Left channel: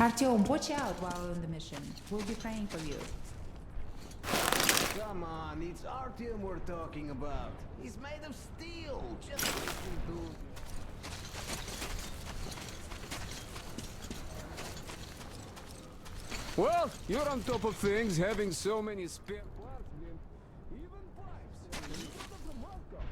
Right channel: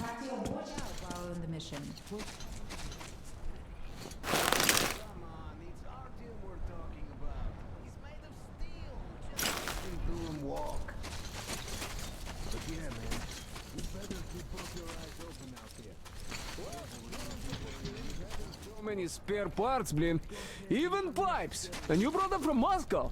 Artyom, watch out while on the mission. We'll be praying for you. Come on, it's Artyom we're talking about. He's made of steel. Just listen to him walk. Well, you're on top of things, having so many spare parts, Blin. Even pipes. And you brought them from Moscow.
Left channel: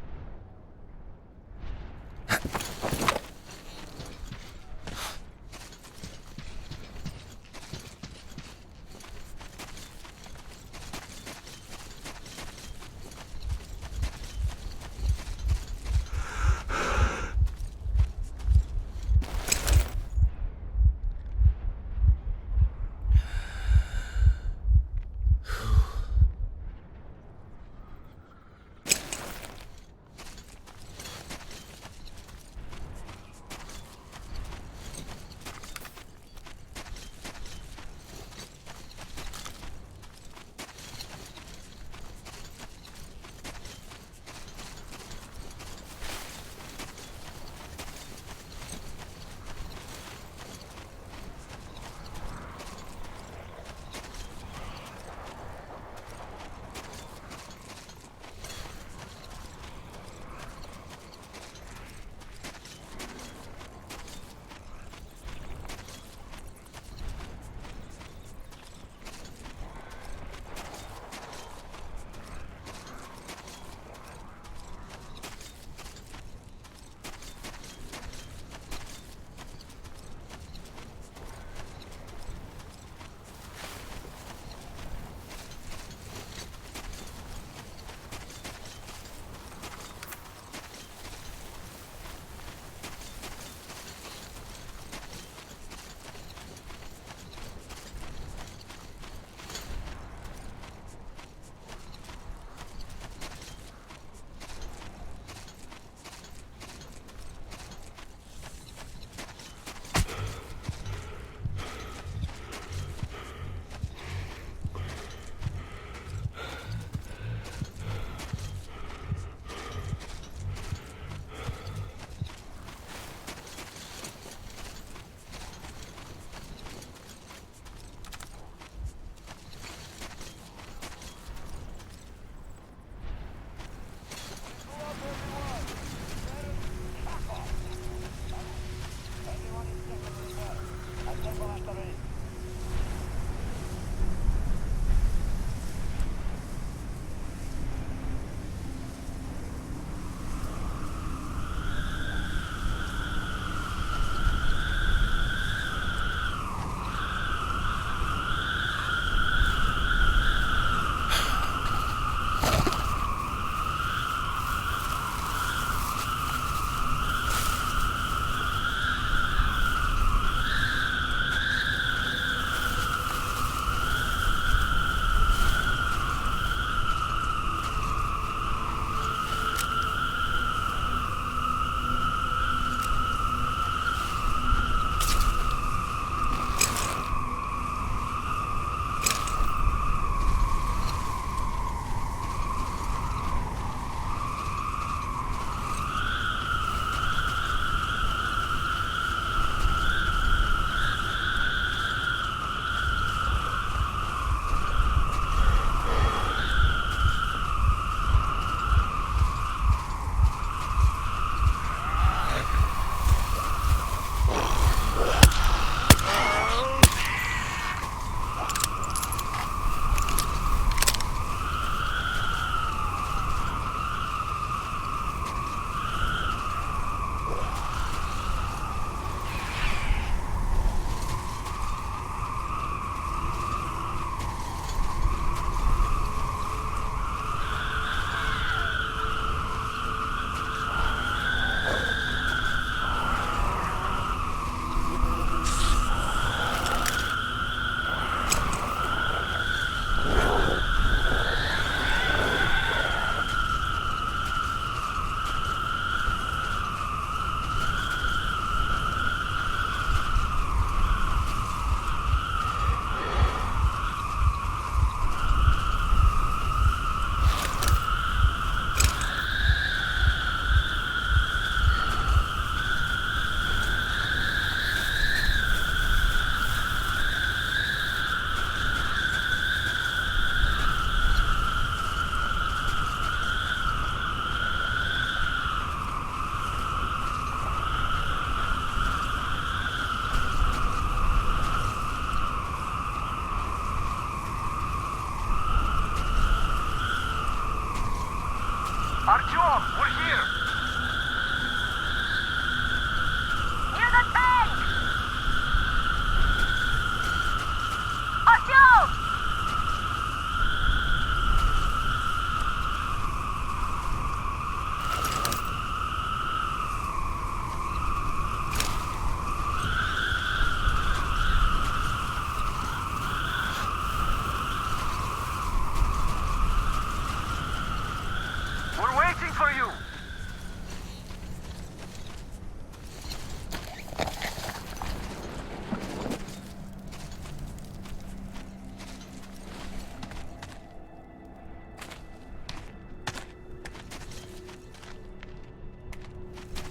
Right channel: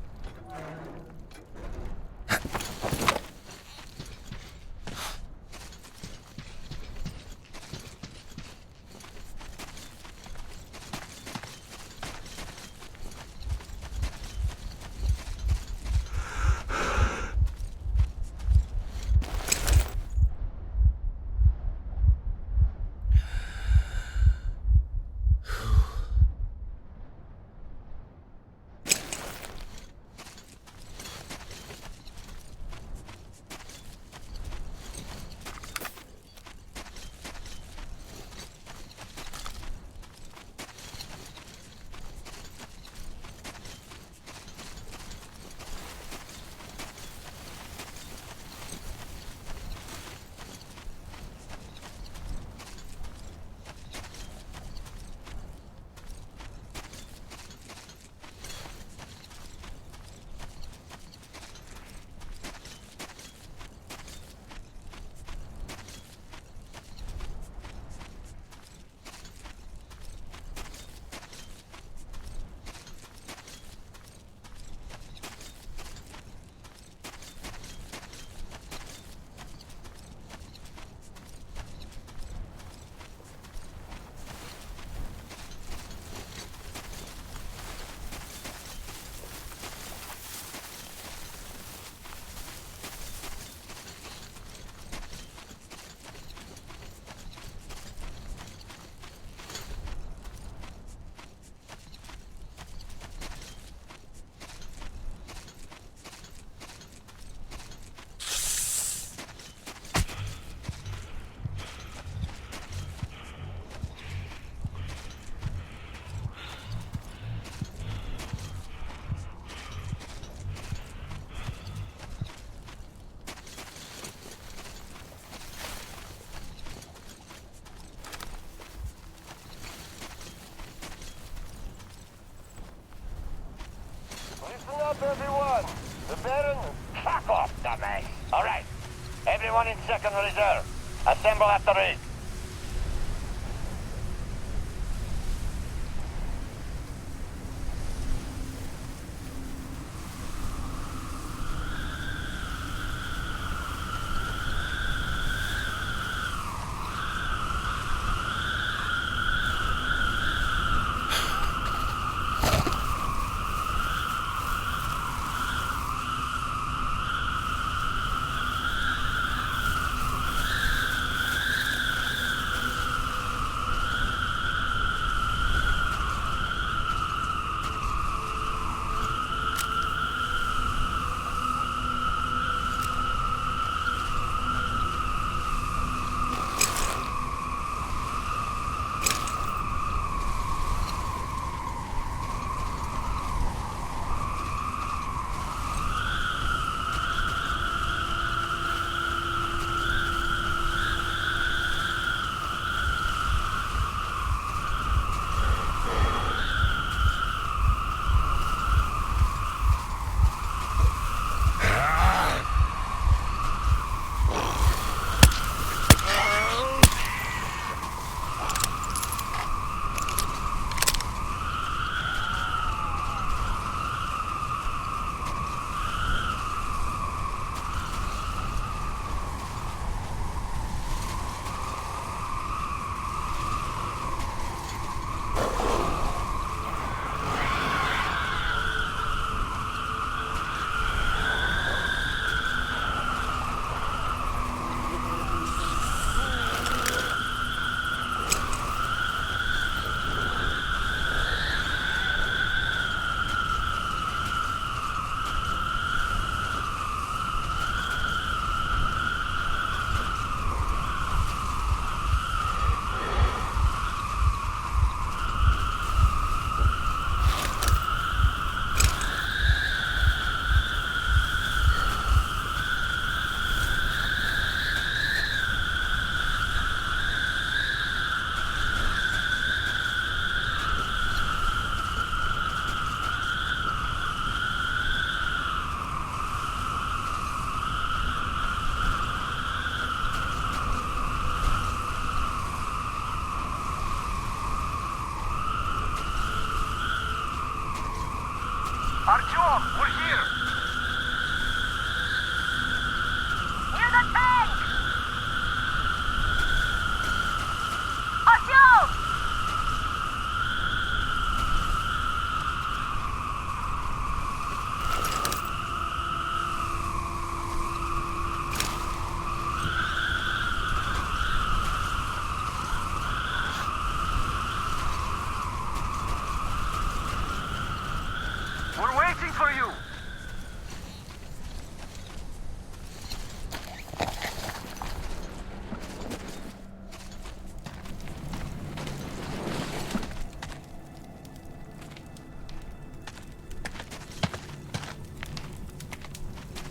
Everyone! The Baron, fuck off, dummy! Alright, everyone in second reserve, assemble after it.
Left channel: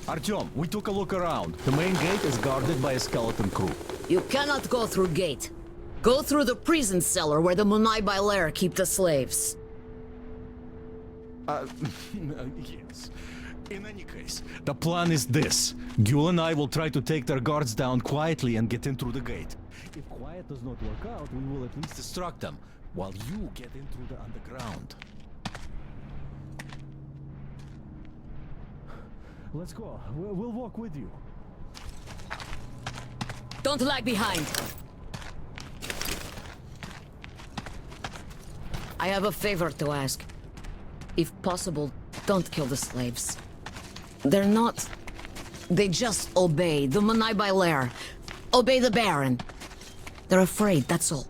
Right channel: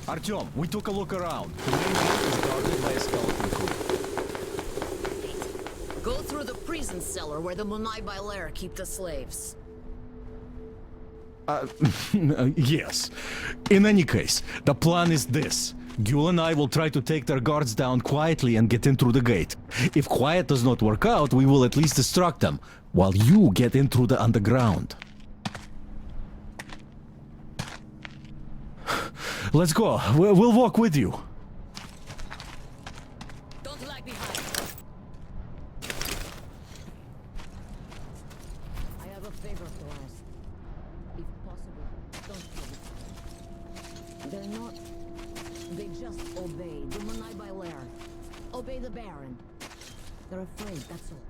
Artyom, we took a look around. The main gate is guarded by a skeleton crew. You cannot go through gate. Go through the prison cellar where the Munai Bailer keep the slaves. Yes. In any case, the plan is this. Gül and I will try to take their guards down quietly and get in through the gate. If quiet does not work out, we will at least distract them, while you get in through the underground. Let's go. We'll walk with you. Don't lag behind. I have a favor to ask. If possible, don't kill the slaves. They're not... They just obey the Munai Bailer. Obey the Baron. They're afraid, that's all.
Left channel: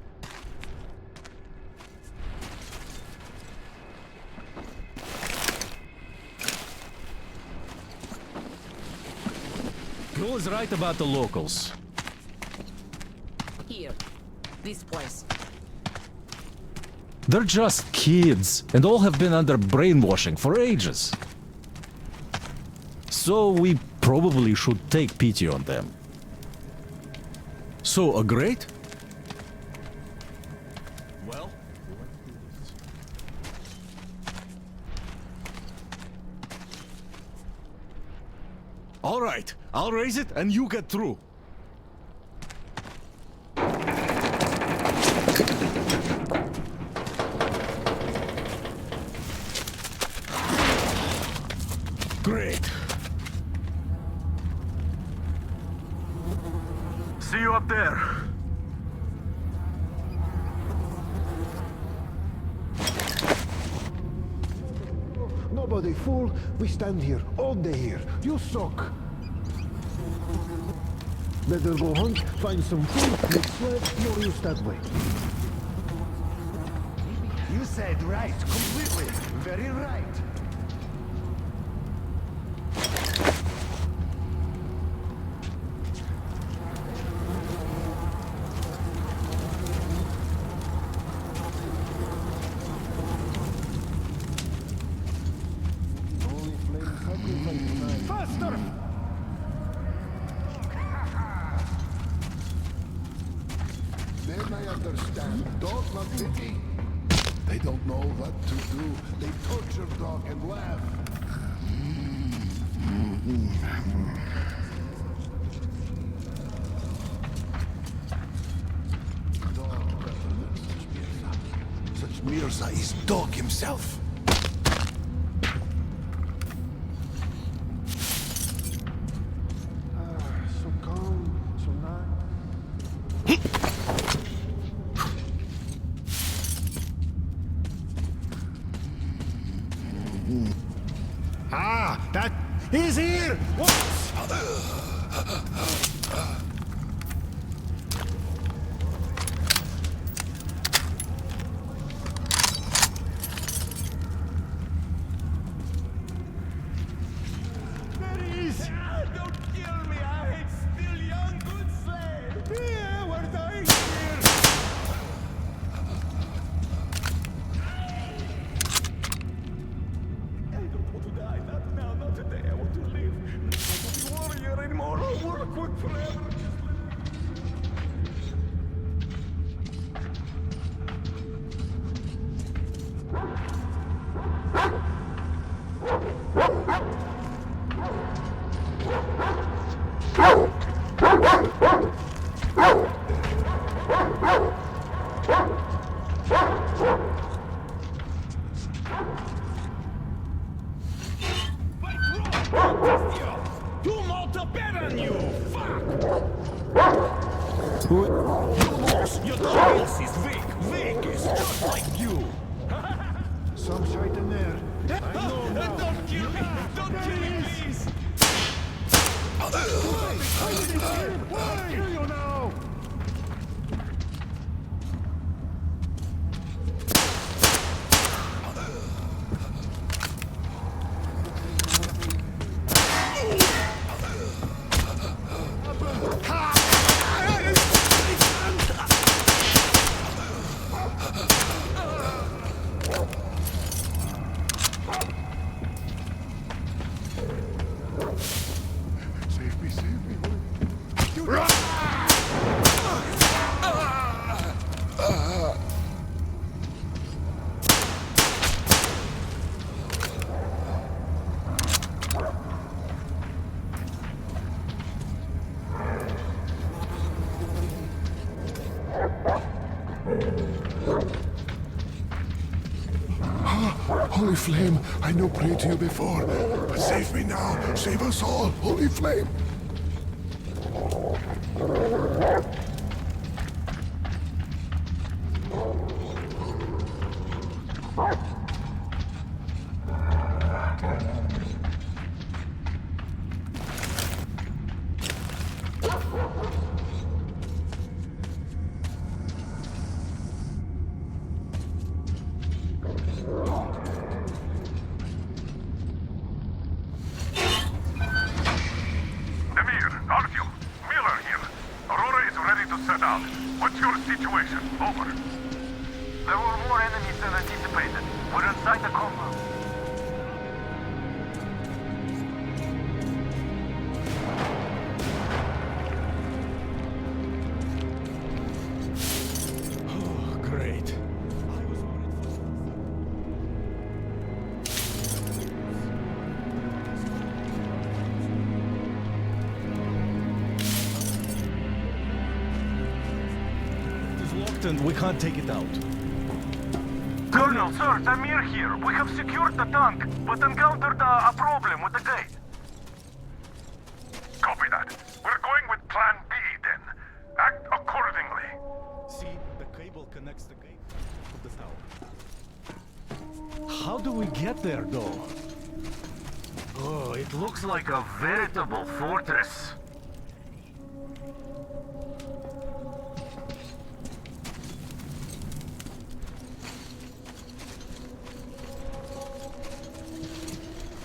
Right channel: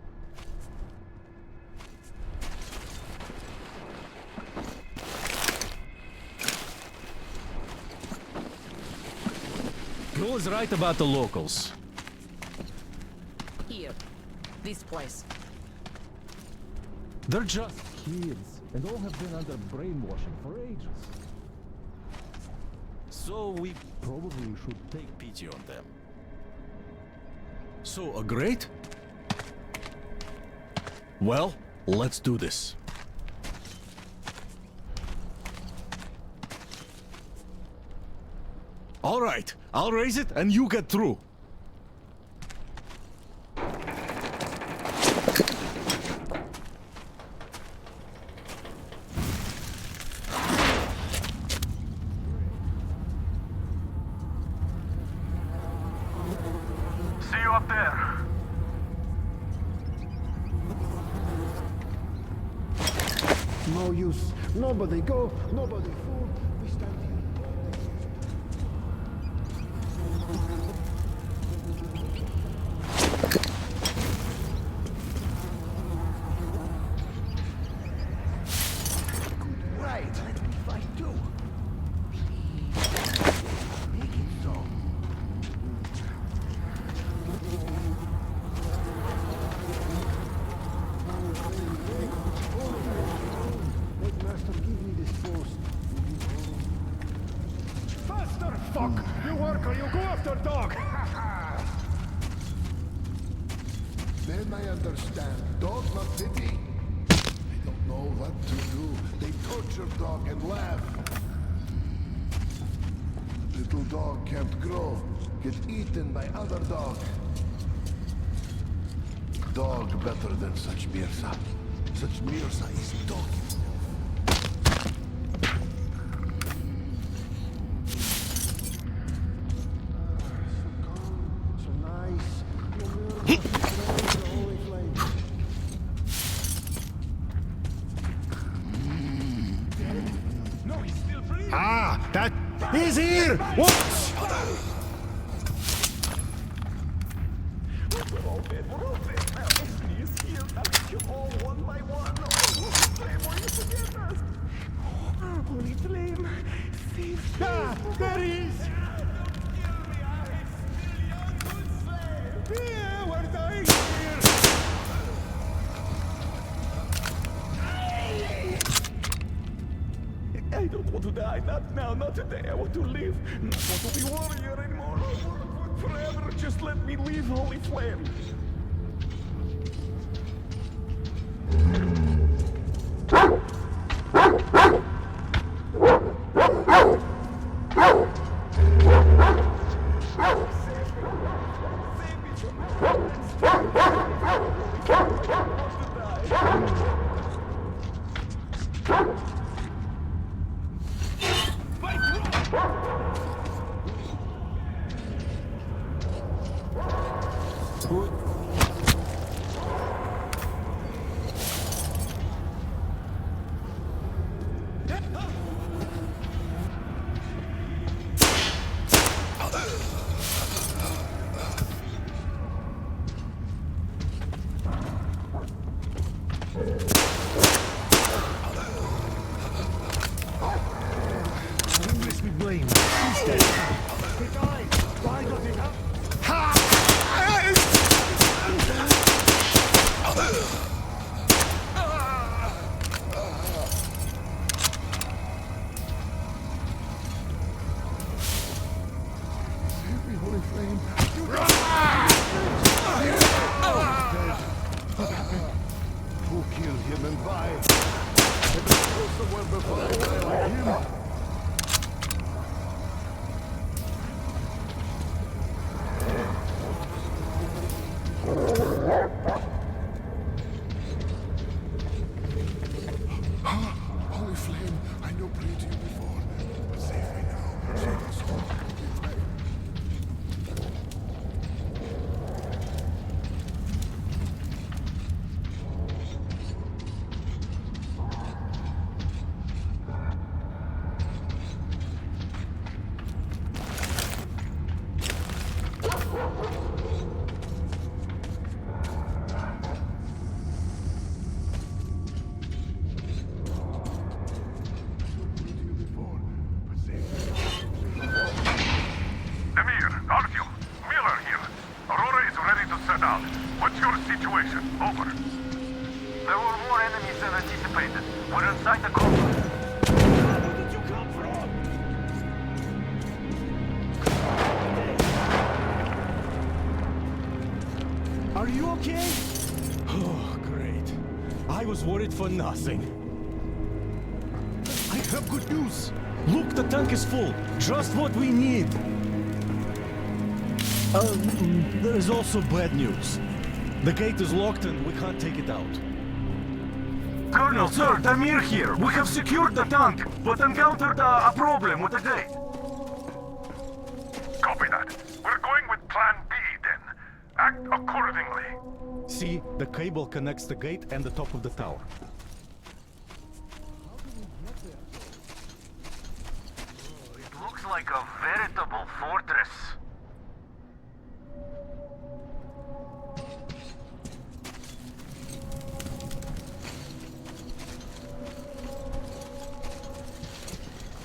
Gül is right about the locals. Here. This place. They're just kids, and all have been under brainwashing for ages. So we probably should take pity on them. So, agreed? Well, let's do this. All right, I'll raise it and you get through. Great. See you up there. No use. Nobody go, nobody fool. We stand here, all day here. You suck. Better go hunt, find some food, no use that way. You said right, completely. Very right. Faster, fuck! You worker, you go after dog! Then I understand. Dog not pity. They don't know what to do. They torture dog and laugh. Dog can't grow. Gets eaten by other dogs. Dog better than such Mirza. Such Mirza is dog himself. So calm, so nice. Ah, that is here! What? There he is! Don't kill me, I'm still young, good slave! Yeah, we're dying here! I don't want to die, not now, not today. I want to live. Not want to be warrior anymore. I'll work forever. Just let me live, holy flame. Some's right in there. Don't kill me! Don't kill me, please! Kill you now! Save me, Holy Flame. Who killed him and why? Holy Flame, I know prayed to you before, but save me now. Save us all, Holy Flame. Emir, Artyom, Miller here. Aurora is ready to set out. What's your situation? Over. There were more enemies than anticipated. We're inside the compound. Are you okay? Oh, great. I was worried for nothing. I have good news. Look, the tank is full. Just what we need. There is also bad news. The gate is locked and we can't take it out. Colonel, sir, Amir here. We have secured the tank, but encountered a problem with the gate. Copy that. We're going with Plan B then. Act accordingly. See, the cable connects the gate and the top of the tower. How do we get there, though? Oh, it Looks like a veritable fortress.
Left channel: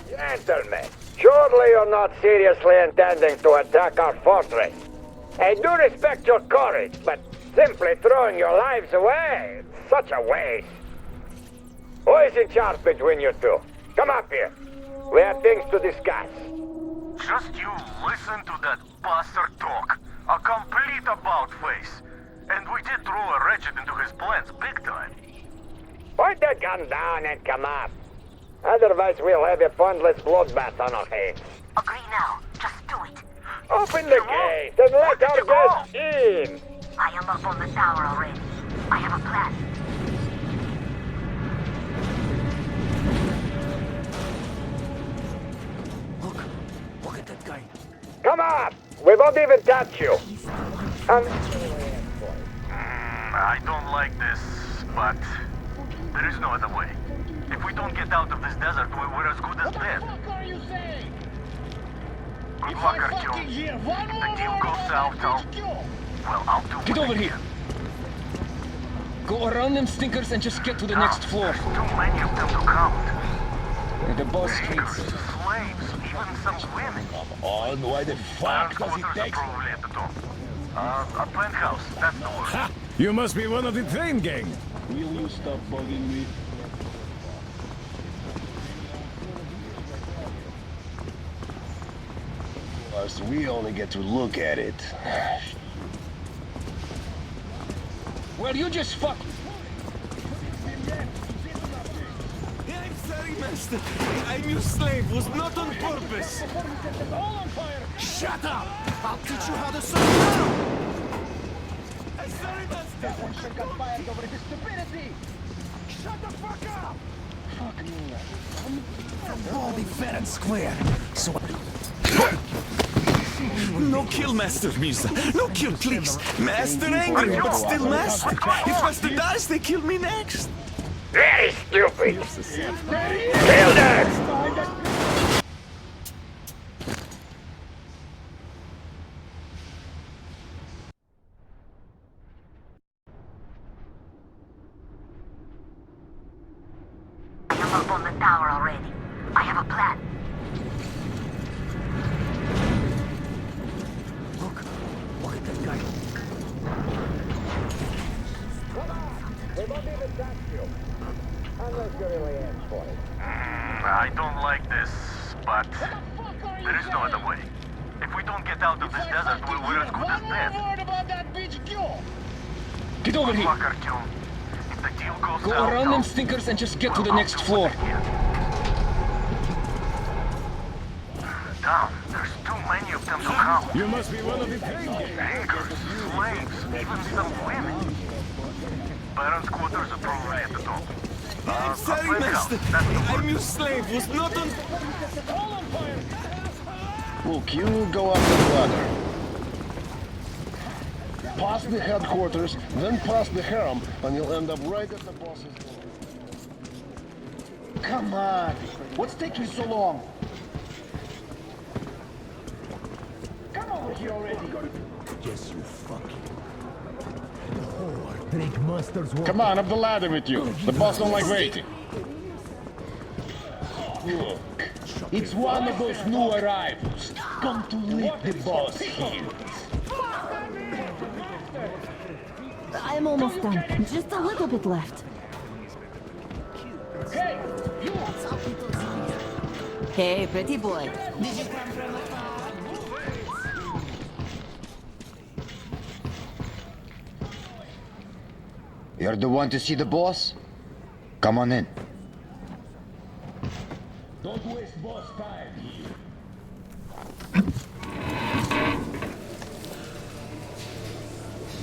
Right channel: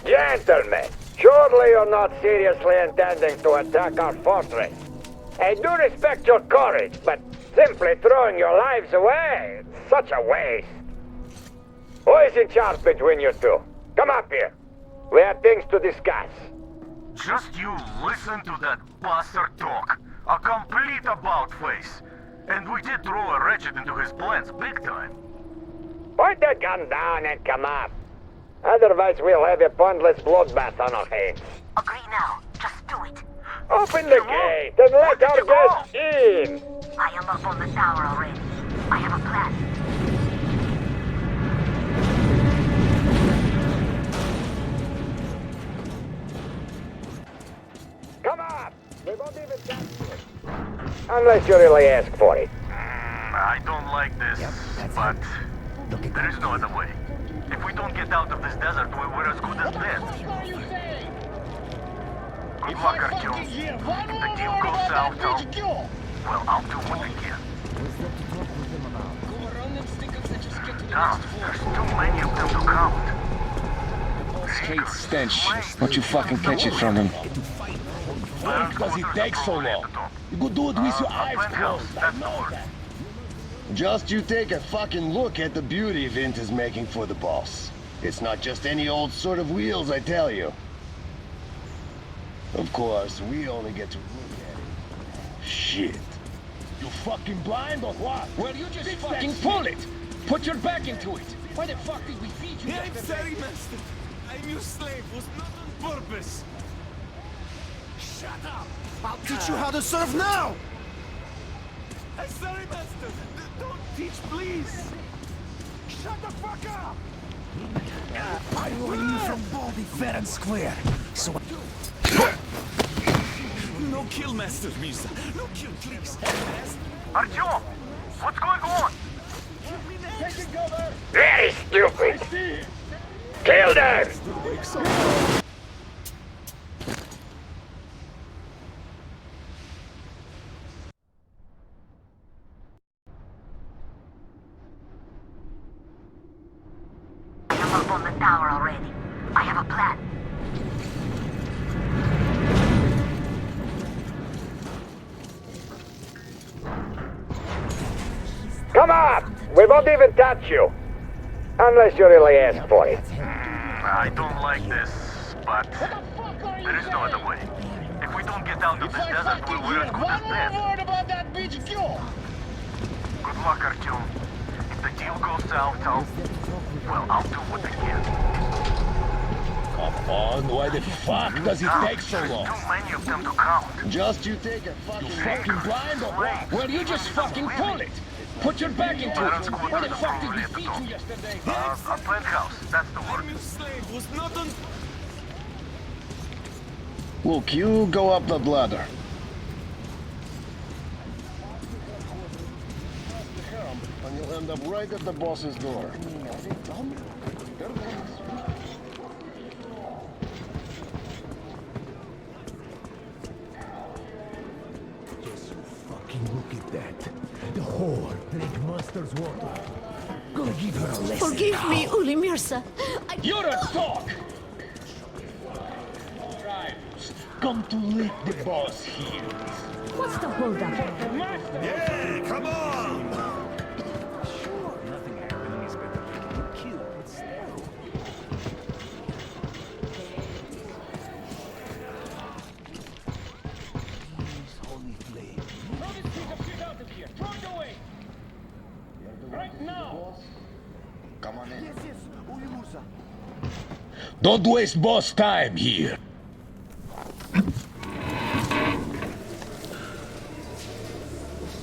Gentlemen, surely you're not seriously intending to attack our fortress. I do respect your courage, but simply throwing your lives away, it's such a waste. Who is in charge between you two? Come up here. We have things to discuss. Just you listen to that bastard talk. A complete about-face. And we did throw a wretched into his plans big time. Point the gun down and come up. Otherwise we'll have a pointless bloodbath on our hands. Agree now. Just do it. Open the gate and let our guests in. I am up on the tower already. I have a plan. Come up. We won't even touch you. Unless you really ask for it. I don't like this, but there is no other way. If we don't get out of this desert, we're as good as dead. Good luck, Artyom. If the deal goes south, I'll do what I can. Go around them stinkers and just get to the No, next floor. there's too many of them to count. The boss hates stench. Don't you fucking catch it from him. Why the fuck does it take so long? Good dude with your A eyes penthouse, closed. that's the word. You must be one of the Just you take a fucking look at the beauty Vint is making for the boss. It's not just any old sort of wheels, I tell you. Of course, we only get to look at it. Shit. You fucking blind or what? Well, you just fucking pull it. Put your back into it. What the fuck did you see? I'm sorry, master. I'm your slave. Was not on purpose. Shut up! I'll teach you how to serve now! I'm sorry, master. Don't teach, please. Shut the fuck up! I'm from Baldy fair and square, so... No kill, Master Mirza. No kill, please. Master angry, but Artyom, still master. what's going If on? Master dies, they kill me next. Very stupid. Kill them! I am up on the tower already. I have a plan. Come up. We won't even touch you. Unless you really ask for it. I don't like this, but there is no other way. If we we don't get out of If this I desert, fucking we're hear as good as one more dead. word about that bitch, go! Get over Good here. luck, Artyom. If the deal goes Go south, around them stinkers and just get to the I'll next do floor. what I can. Come on, why the fuck does it Now, take so there's long? too many of them to count. Just you take a fucking Drinkers, drive. slaves, Well, you even just some fucking women. call it. Put your back into Baron's it. quarters are probably at the top. I'm A sorry, plant house, master. that's the I'm word. your slave, was not on... Look, you go up the ladder. Past the headquarters, then past the harem, and you'll end up right at the boss's door. Come on! What's taking so long? Come on, here already! Yes, you fucking look at that. The whore drink monsters walk. Come on, up the ladder with you. The boss on my way. Forgive me, Ulimirsa. You're a dog! It's one of those new arrivals. Come to lick the boss heels. I'm almost done. Just a little bit left. Hey, pretty boy. You're the one to see the boss? Come on in. Don't waste boss time here.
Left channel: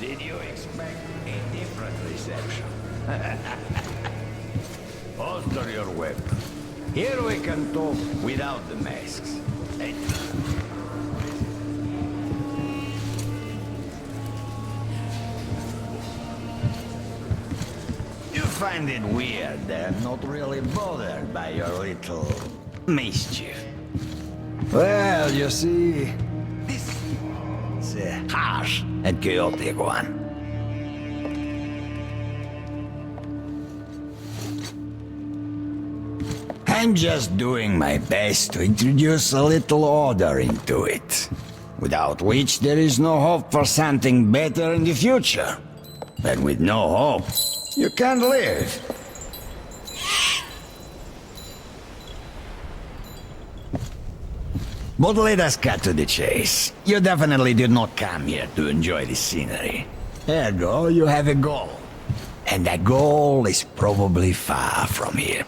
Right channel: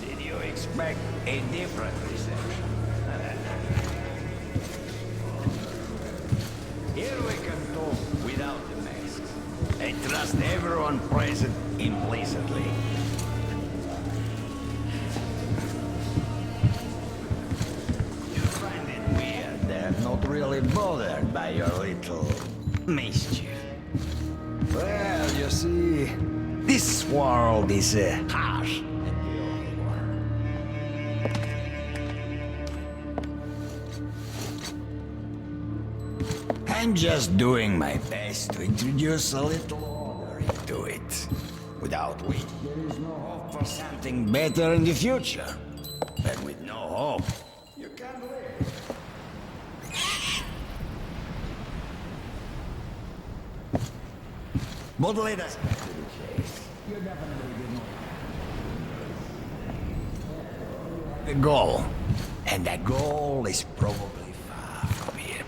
Did you expect a different reception? Alter your weapon. Here we can talk without the masks. I trust everyone present implicitly. You find it weird that I'm not really bothered by your little mischief. Well, you see, this world is a harsh and chaotic one. I'm just doing my best to introduce a little order into it, without which there is no hope for something better in the future. And with no hope, you can't live. But let us cut to the chase. You definitely did not come here to enjoy the scenery. Ergo, you have a goal. And that goal is probably far from here.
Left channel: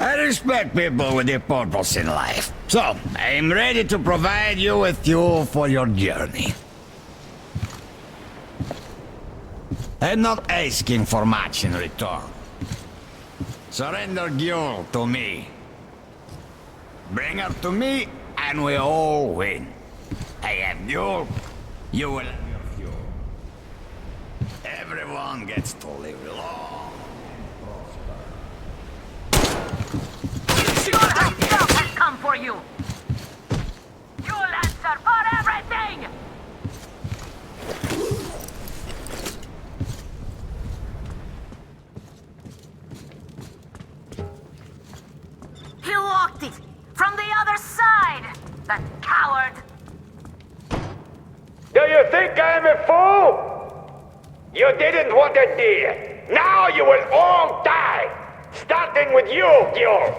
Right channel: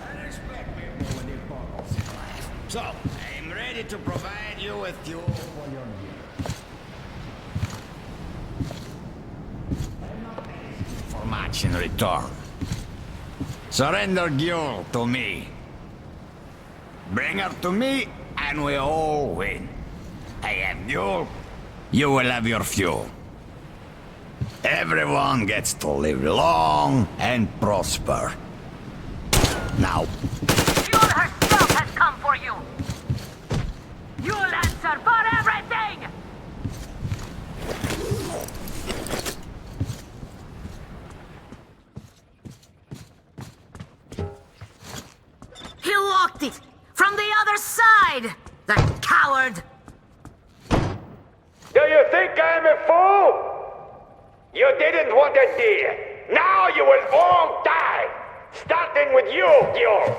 I respect people with their purpose in life. So, I am ready to provide you with fuel for your journey. I'm not asking for much in return. Surrender Gyul to me. Bring her to me, and we all win. I have Gyul, you will have your fuel. Everyone gets to live long and prosper. Now. Fuel herself has come for you! You'll answer for everything! He locked it! From the other side! That coward! Do you think I'm a fool? You didn't want a deal. Now you will all die! Starting with you, Gil!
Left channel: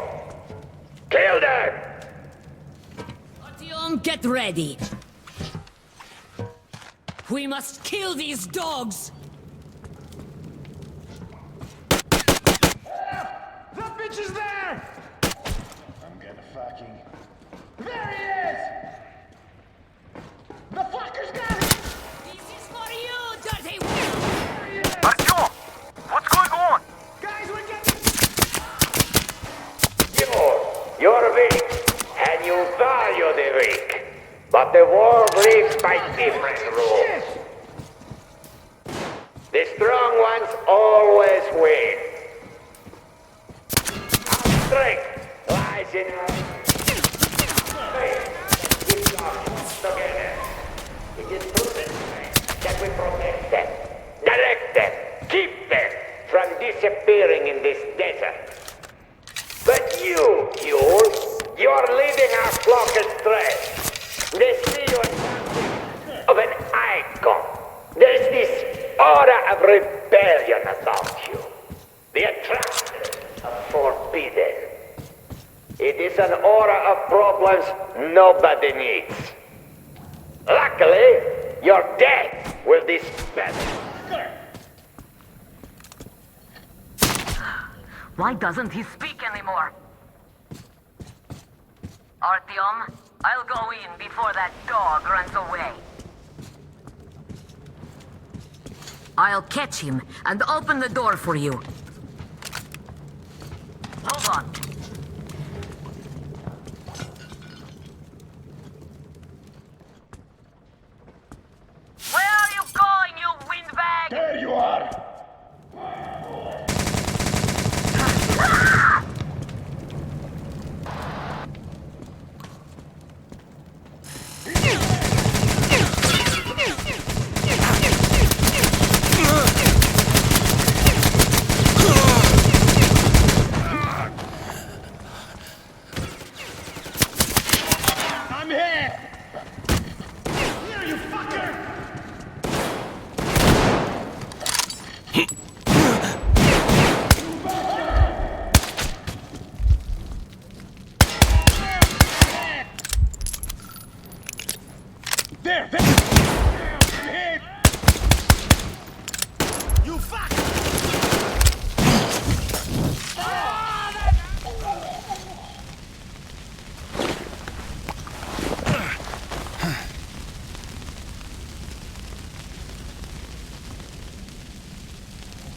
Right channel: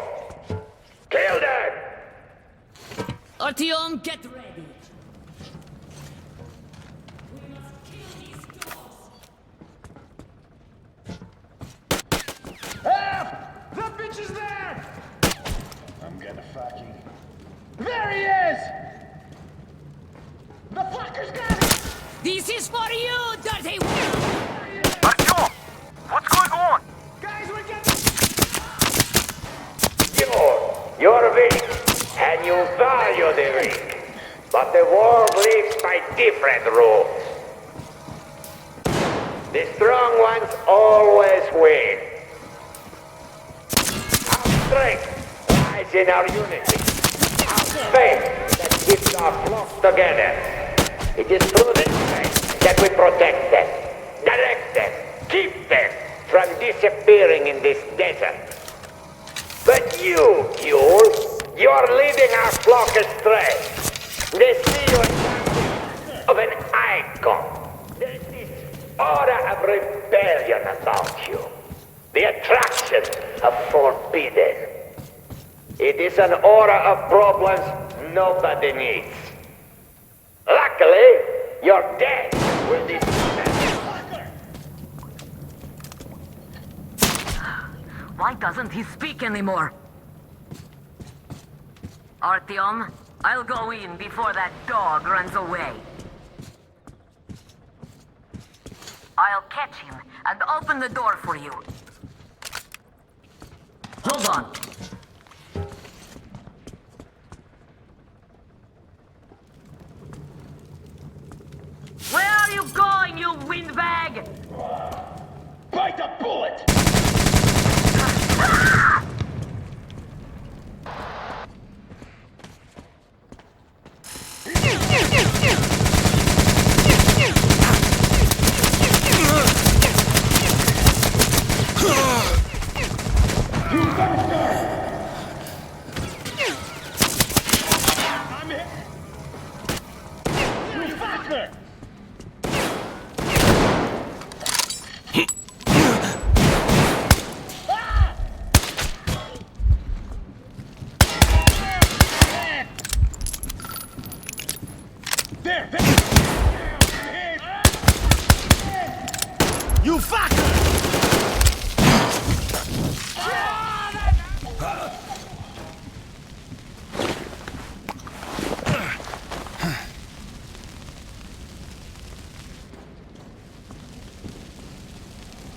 Kill them! Artyom, get ready. We must kill these dogs. That bitch is there! I'm gonna fucking... There he is! The fucker's got it! This is for you, dirty Artyom! What's going on? Guys, we're getting... You're weak, and you value the weak. But the world lives by different rules. The strong ones always win. Our strength lies in our unity. Our faith that keeps our flocks together. It is through this faith that we protect them, direct them, keep them from disappearing in this desert. But you, Yule, you are leading our flock astray. They see you as something of an icon. There's this aura of rebellion about you. The attraction of forbidden. It is an aura of problems nobody needs. Luckily, you're dead with this mess. Why doesn't he speak anymore? Artyom, I'll go in before that dog runs away. I'll catch him and open the door for you. Hold on. Where are you going, you windbag? There you are! Bite the bullet! I'm here! Here, you fucker! There! I'm hit! You fucker!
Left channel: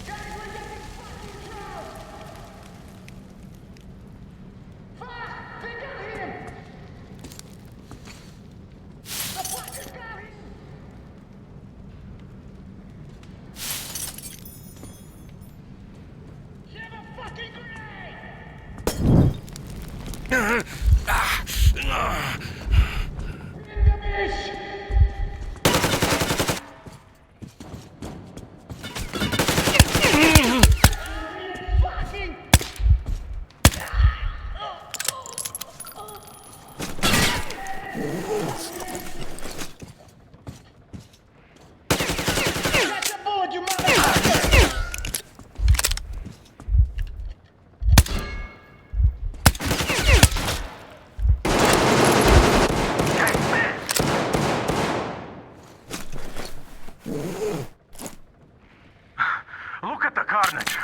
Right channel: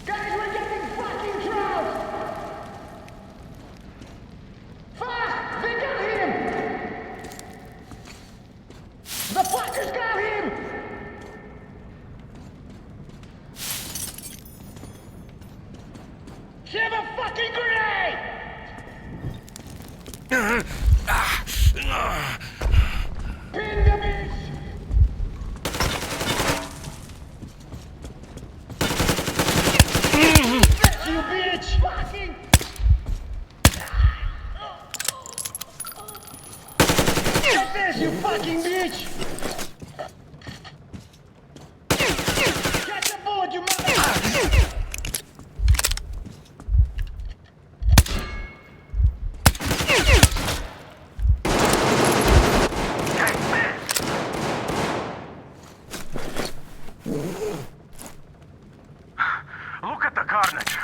Guys, we're getting fucking trounced! Fast! They got him! The fuckers got him! Have a fucking grenade! Pin the bitch! You bitch! Fucking! Get this, you fucking bitch! Catch a bullet, you motherfucker! Look at the carnage.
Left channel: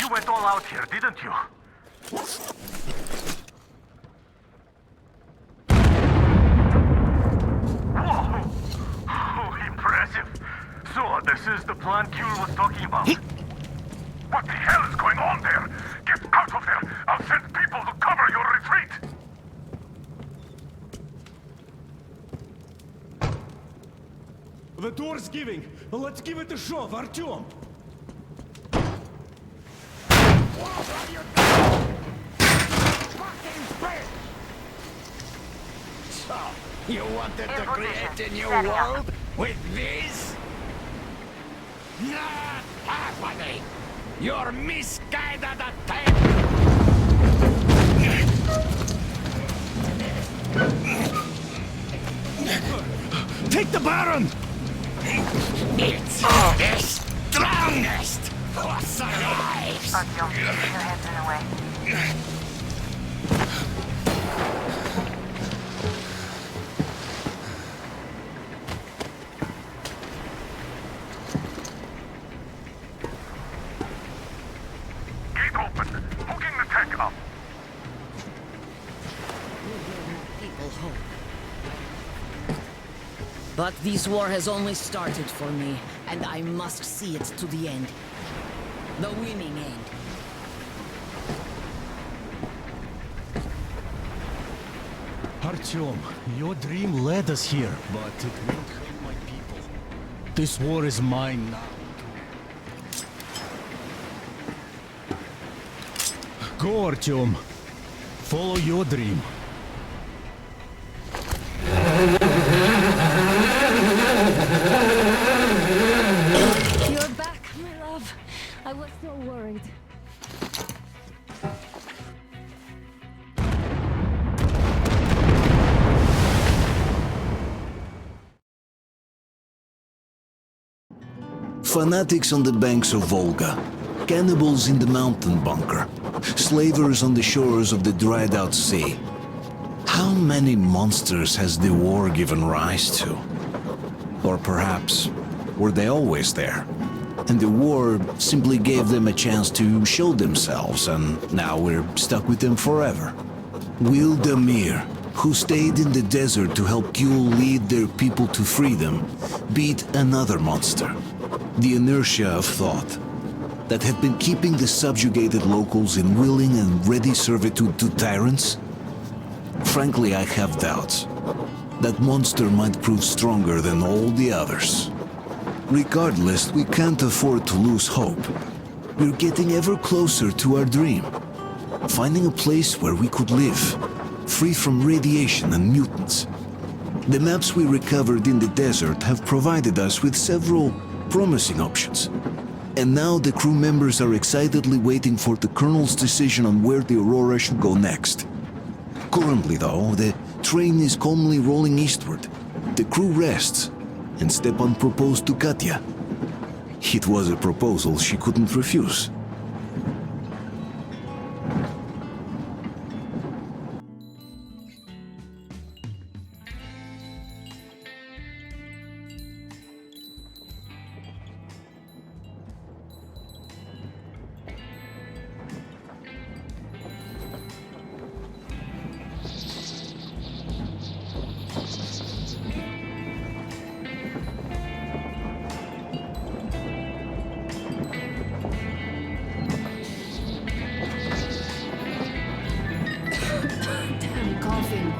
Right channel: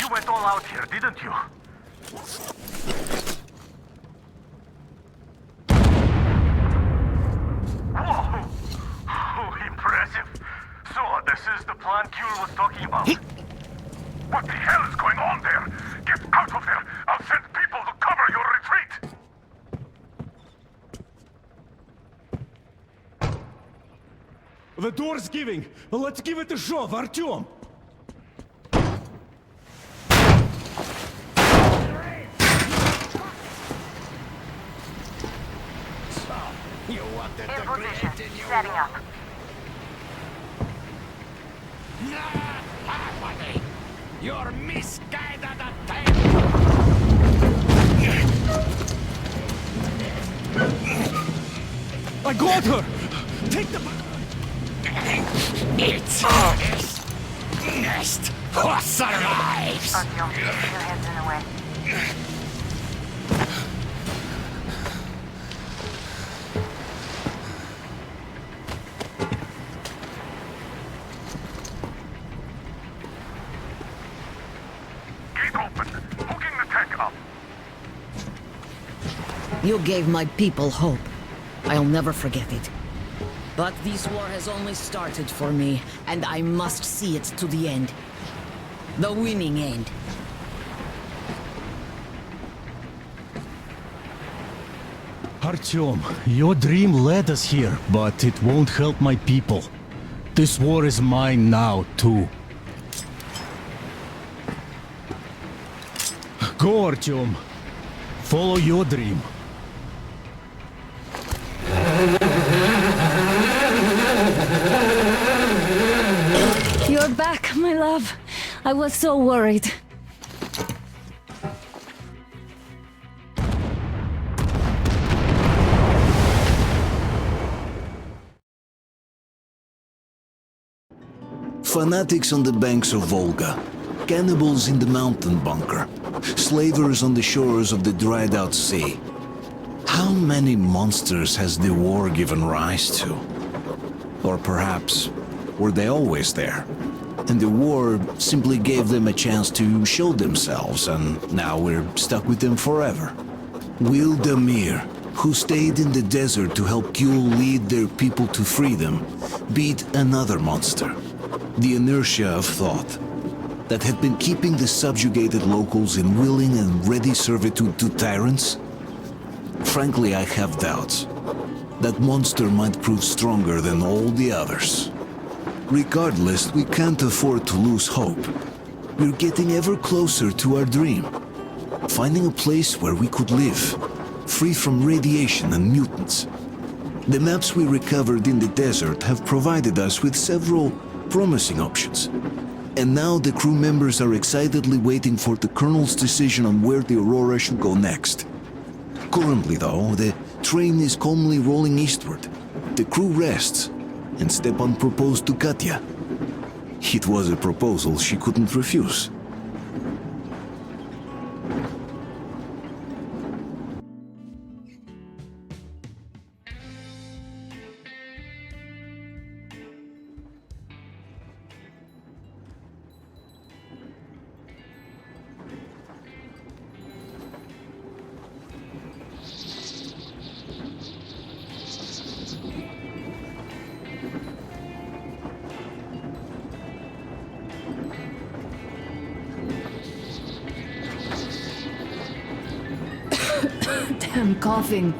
You went all out here, didn't you? Whoa! Oh, impressive. So, this is the plan Kuhl was talking about. What the hell is going on there? Get out of there! I'll send people to cover your retreat! The door's giving. Let's give it a shove, Artyom. So, you wanted to In position. create a new Setting up. world with this? Not happening! Your misguided attempt! I got her! Take the Baron! It's the strongest who survives! Artyom, your head's in the way. Gate open. Hooking the tank up. You gave my people hope. I'll never forget it. But this war has only started for me, and I must see it to the end. The winning end. Artyom, your dream led us here, but it won't help my people. This war is mine now, too. Go, Artyom. Follow your dream. You're back, my love. I was so worried. Fanatics on the banks of Volga, cannibals in the mountain bunker, slavers on the shores of the dried-out sea. How many monsters has the war given rise to? Or perhaps, were they always there? And the war simply gave them a chance to show themselves, and now we're stuck with them forever. Will Damir, who stayed in the desert to help Gül lead their people to freedom, beat another monster, the inertia of thought, that had been keeping the subjugated locals in willing and ready servitude to tyrants? Frankly, I have doubts. That monster might prove stronger than all the others. Regardless, we can't afford to lose hope. We're getting ever closer to our dream. Finding a place where we could live, free from radiation and mutants. The maps we recovered in the desert have provided us with several promising options. And now the crew members are excitedly waiting for the Colonel's decision on where the Aurora should go next. Currently, though, the train is calmly rolling eastward. The crew rests, and Stepan proposed to Katya. It was a proposal she couldn't refuse. Damn coughing.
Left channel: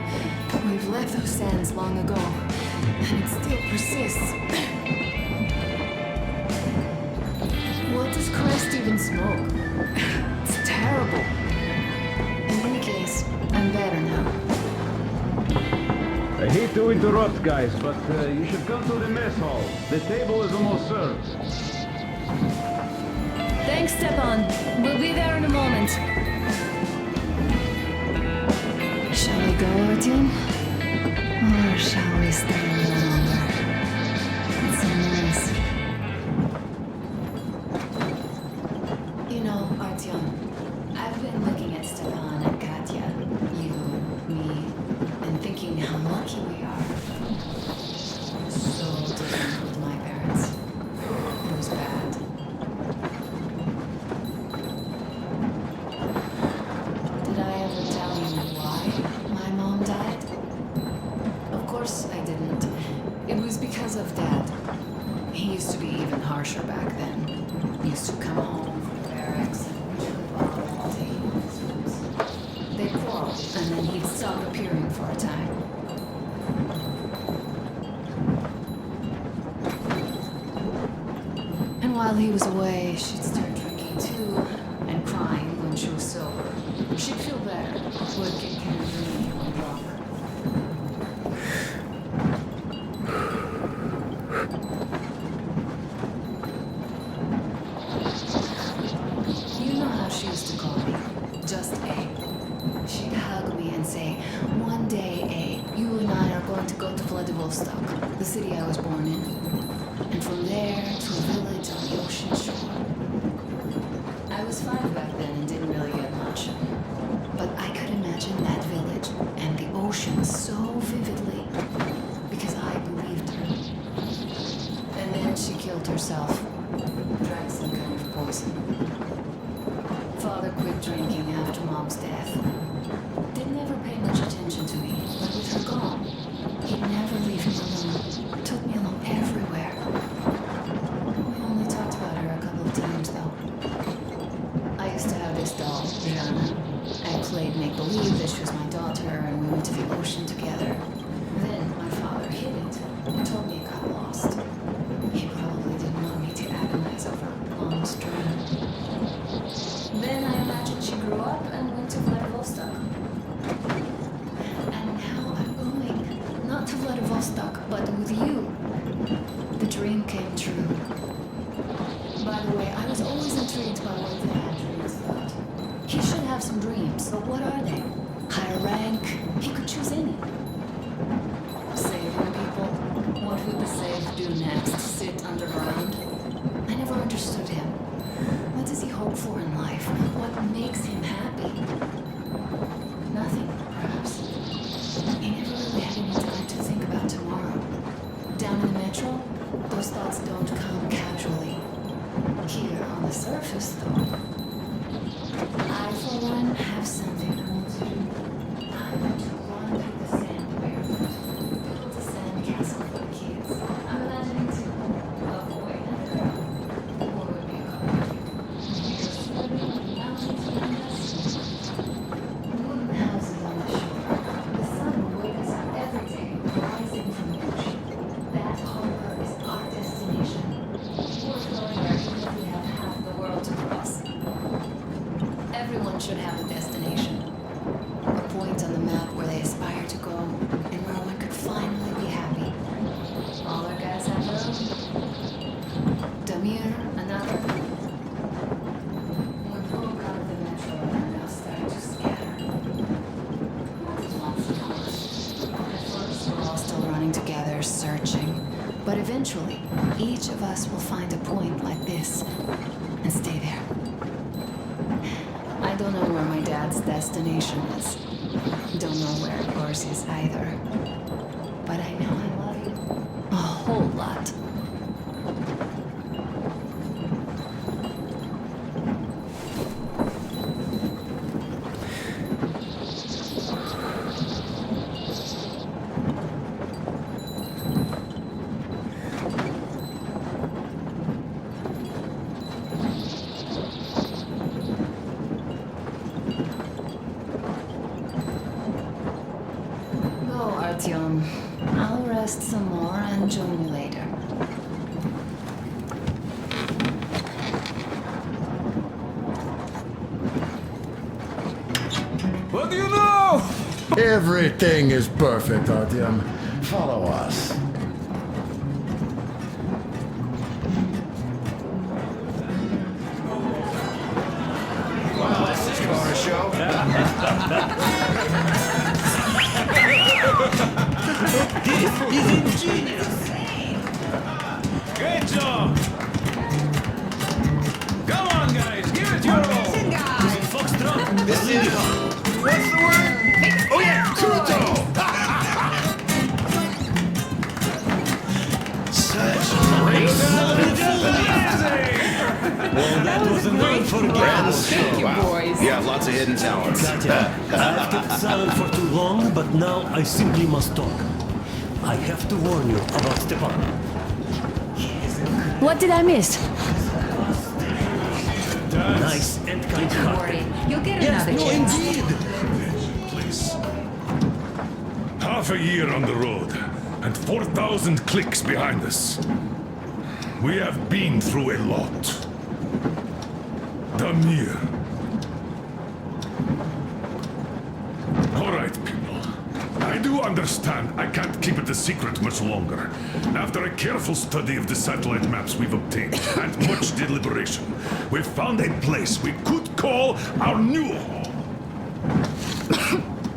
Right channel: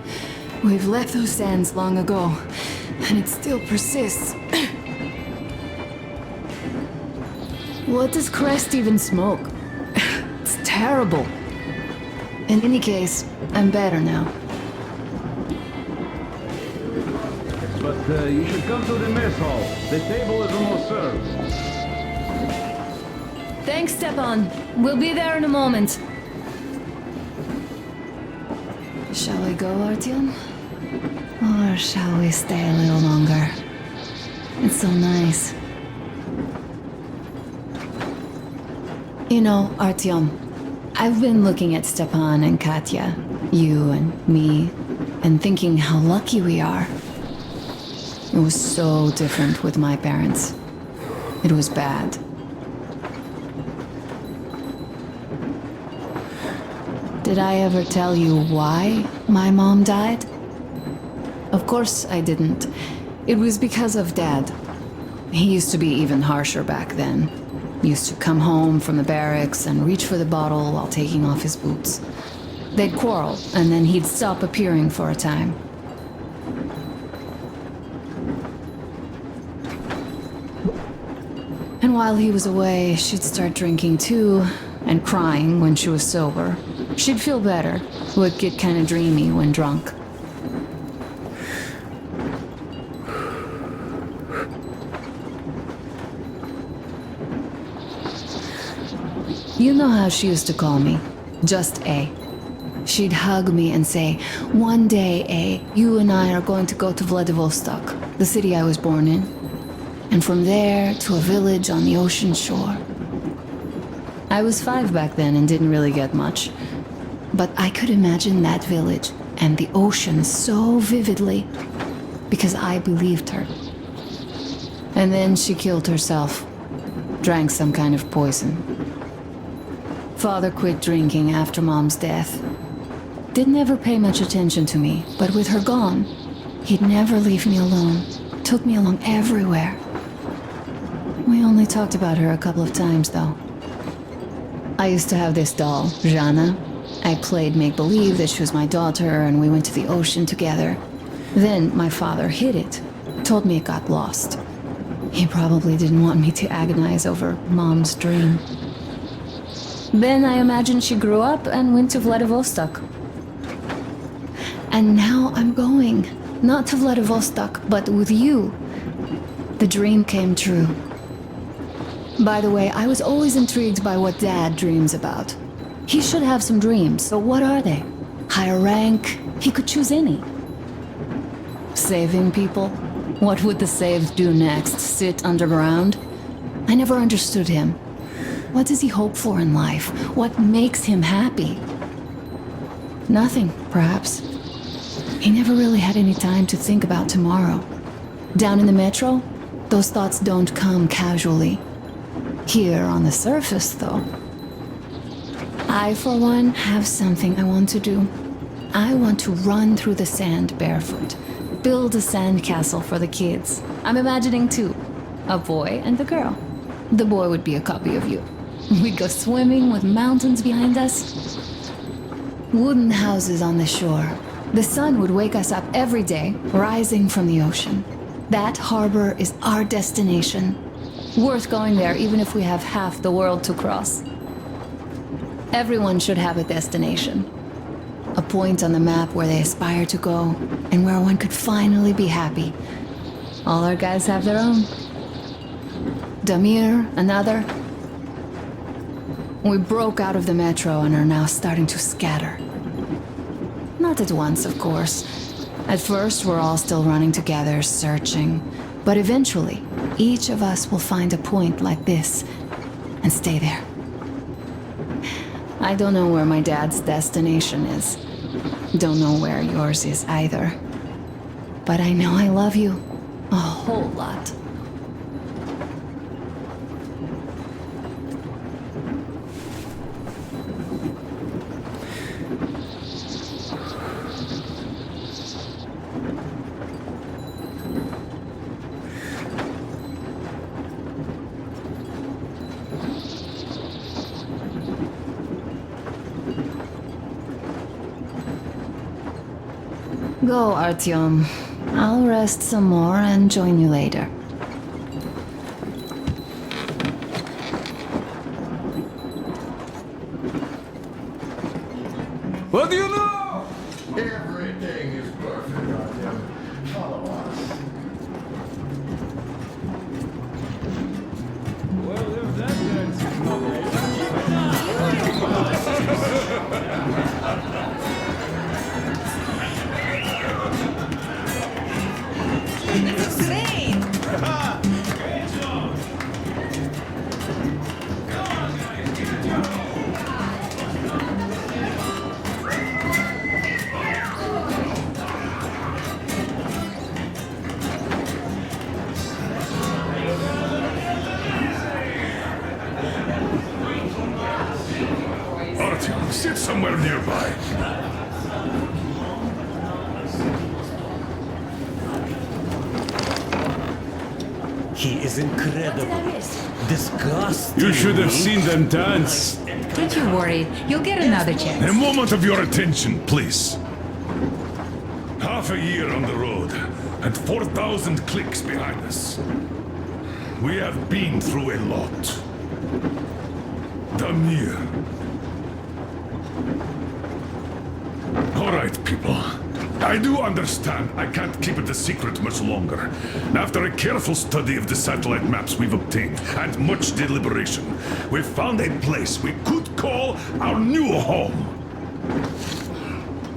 We've left those sands long ago, and it still persists. What does Crest even smoke? It's terrible. In any case, I'm better now. I hate to interrupt, guys, but you should come to the mess hall. The table is almost served. Thanks, Stepan. We'll be there in a moment. Shall we go, Artyom? Or shall we stay a little longer? It's so nice. You know, Artyom, I've been looking at Stepan and Katya, you and me, and thinking how lucky we are. It was so different with my parents. It was bad. Did I ever tell you why my mom died? Of course I didn't. It was because of Dad. He used to be even harsher back then. He used to come home from the barracks and reach for the bottle while taking off his boots. They'd quarrel, and then he'd stop appearing for a time. And while he was away, she'd start drinking too, and crying when she was sober. She'd feel better, would get kind of dreamy when drunk. You know how she used to call me? Just A. She'd hug me and say, "One day, A, you and I are going to go to Vladivostok, the city I was born in. And from there to a village on the ocean shore." I was 5 back then and didn't really get much. But I could imagine that village and the ocean so vividly because I believed her. And then she killed herself. Drank some kind of poison. Father quit drinking after Mom's death. Didn't ever pay much attention to me, but with her gone, he'd never leave me alone. Took me along everywhere. We only talked about her a couple of times, though. I used to have this doll, Jana. I played make-believe that she was my daughter, and we went to the ocean together. Then my father hid it. Told me it got lost. He probably didn't want me to agonize over Mom's dream. Then I imagine she grew up and went to Vladivostok. And now I'm going. Not to Vladivostok, but with you. The dream came true. By the way, I was always intrigued by what Dad dreams about. He should have some dreams, so what are they? Higher rank? He could choose any. Saving people? What would the saved do next? Sit underground? I never understood him. What does he hope for in life? What makes him happy? Nothing, perhaps. He never really had any time to think about tomorrow. Down in the metro, those thoughts don't come casually. Here on the surface, though. I, for one, have something I want to do. I want to run through the sand barefoot. Build a sandcastle for the kids. I'm imagining two. A boy and a girl. The boy would be a copy of you. We go swimming with mountains behind us. Wooden houses on the shore. The sun would wake us up every day, rising from the ocean. That harbor is our destination. Worth going there even if we have half the world to cross. Everyone should have a destination. A point on the map where they aspire to go, and where one could finally be happy. All our guys have their own. Damir, another. We broke out of the metro and are now starting to scatter. Not at once, of course. At first, we're all still running together, searching. But eventually, each of us will find a point like this and stay there. I don't know where my dad's destination is. Don't know where yours is either. But I know I love you a whole lot. Go, Artyom. I'll rest some more and join you later. What do you know? Everything is perfect, Artyom. Follow us. It's insane! Great job! Go on, guys, give it your all! Sit somewhere nearby. I've kept silent for too long, but now I simply must talk. I have to warn you about Stepan. He is incredible. What did I miss? Disgusting. You should have seen them dance. Nice and kind. Don't you worry. You'll get another chance. A moment of your attention, please. Half a year on the road, and 4,000 clicks behind us. We have been through a lot. Damir. All right, people. I do understand I can't keep it a secret much longer. After a careful study of the satellite maps we've obtained, and much deliberation, we've found a place we could call our new home.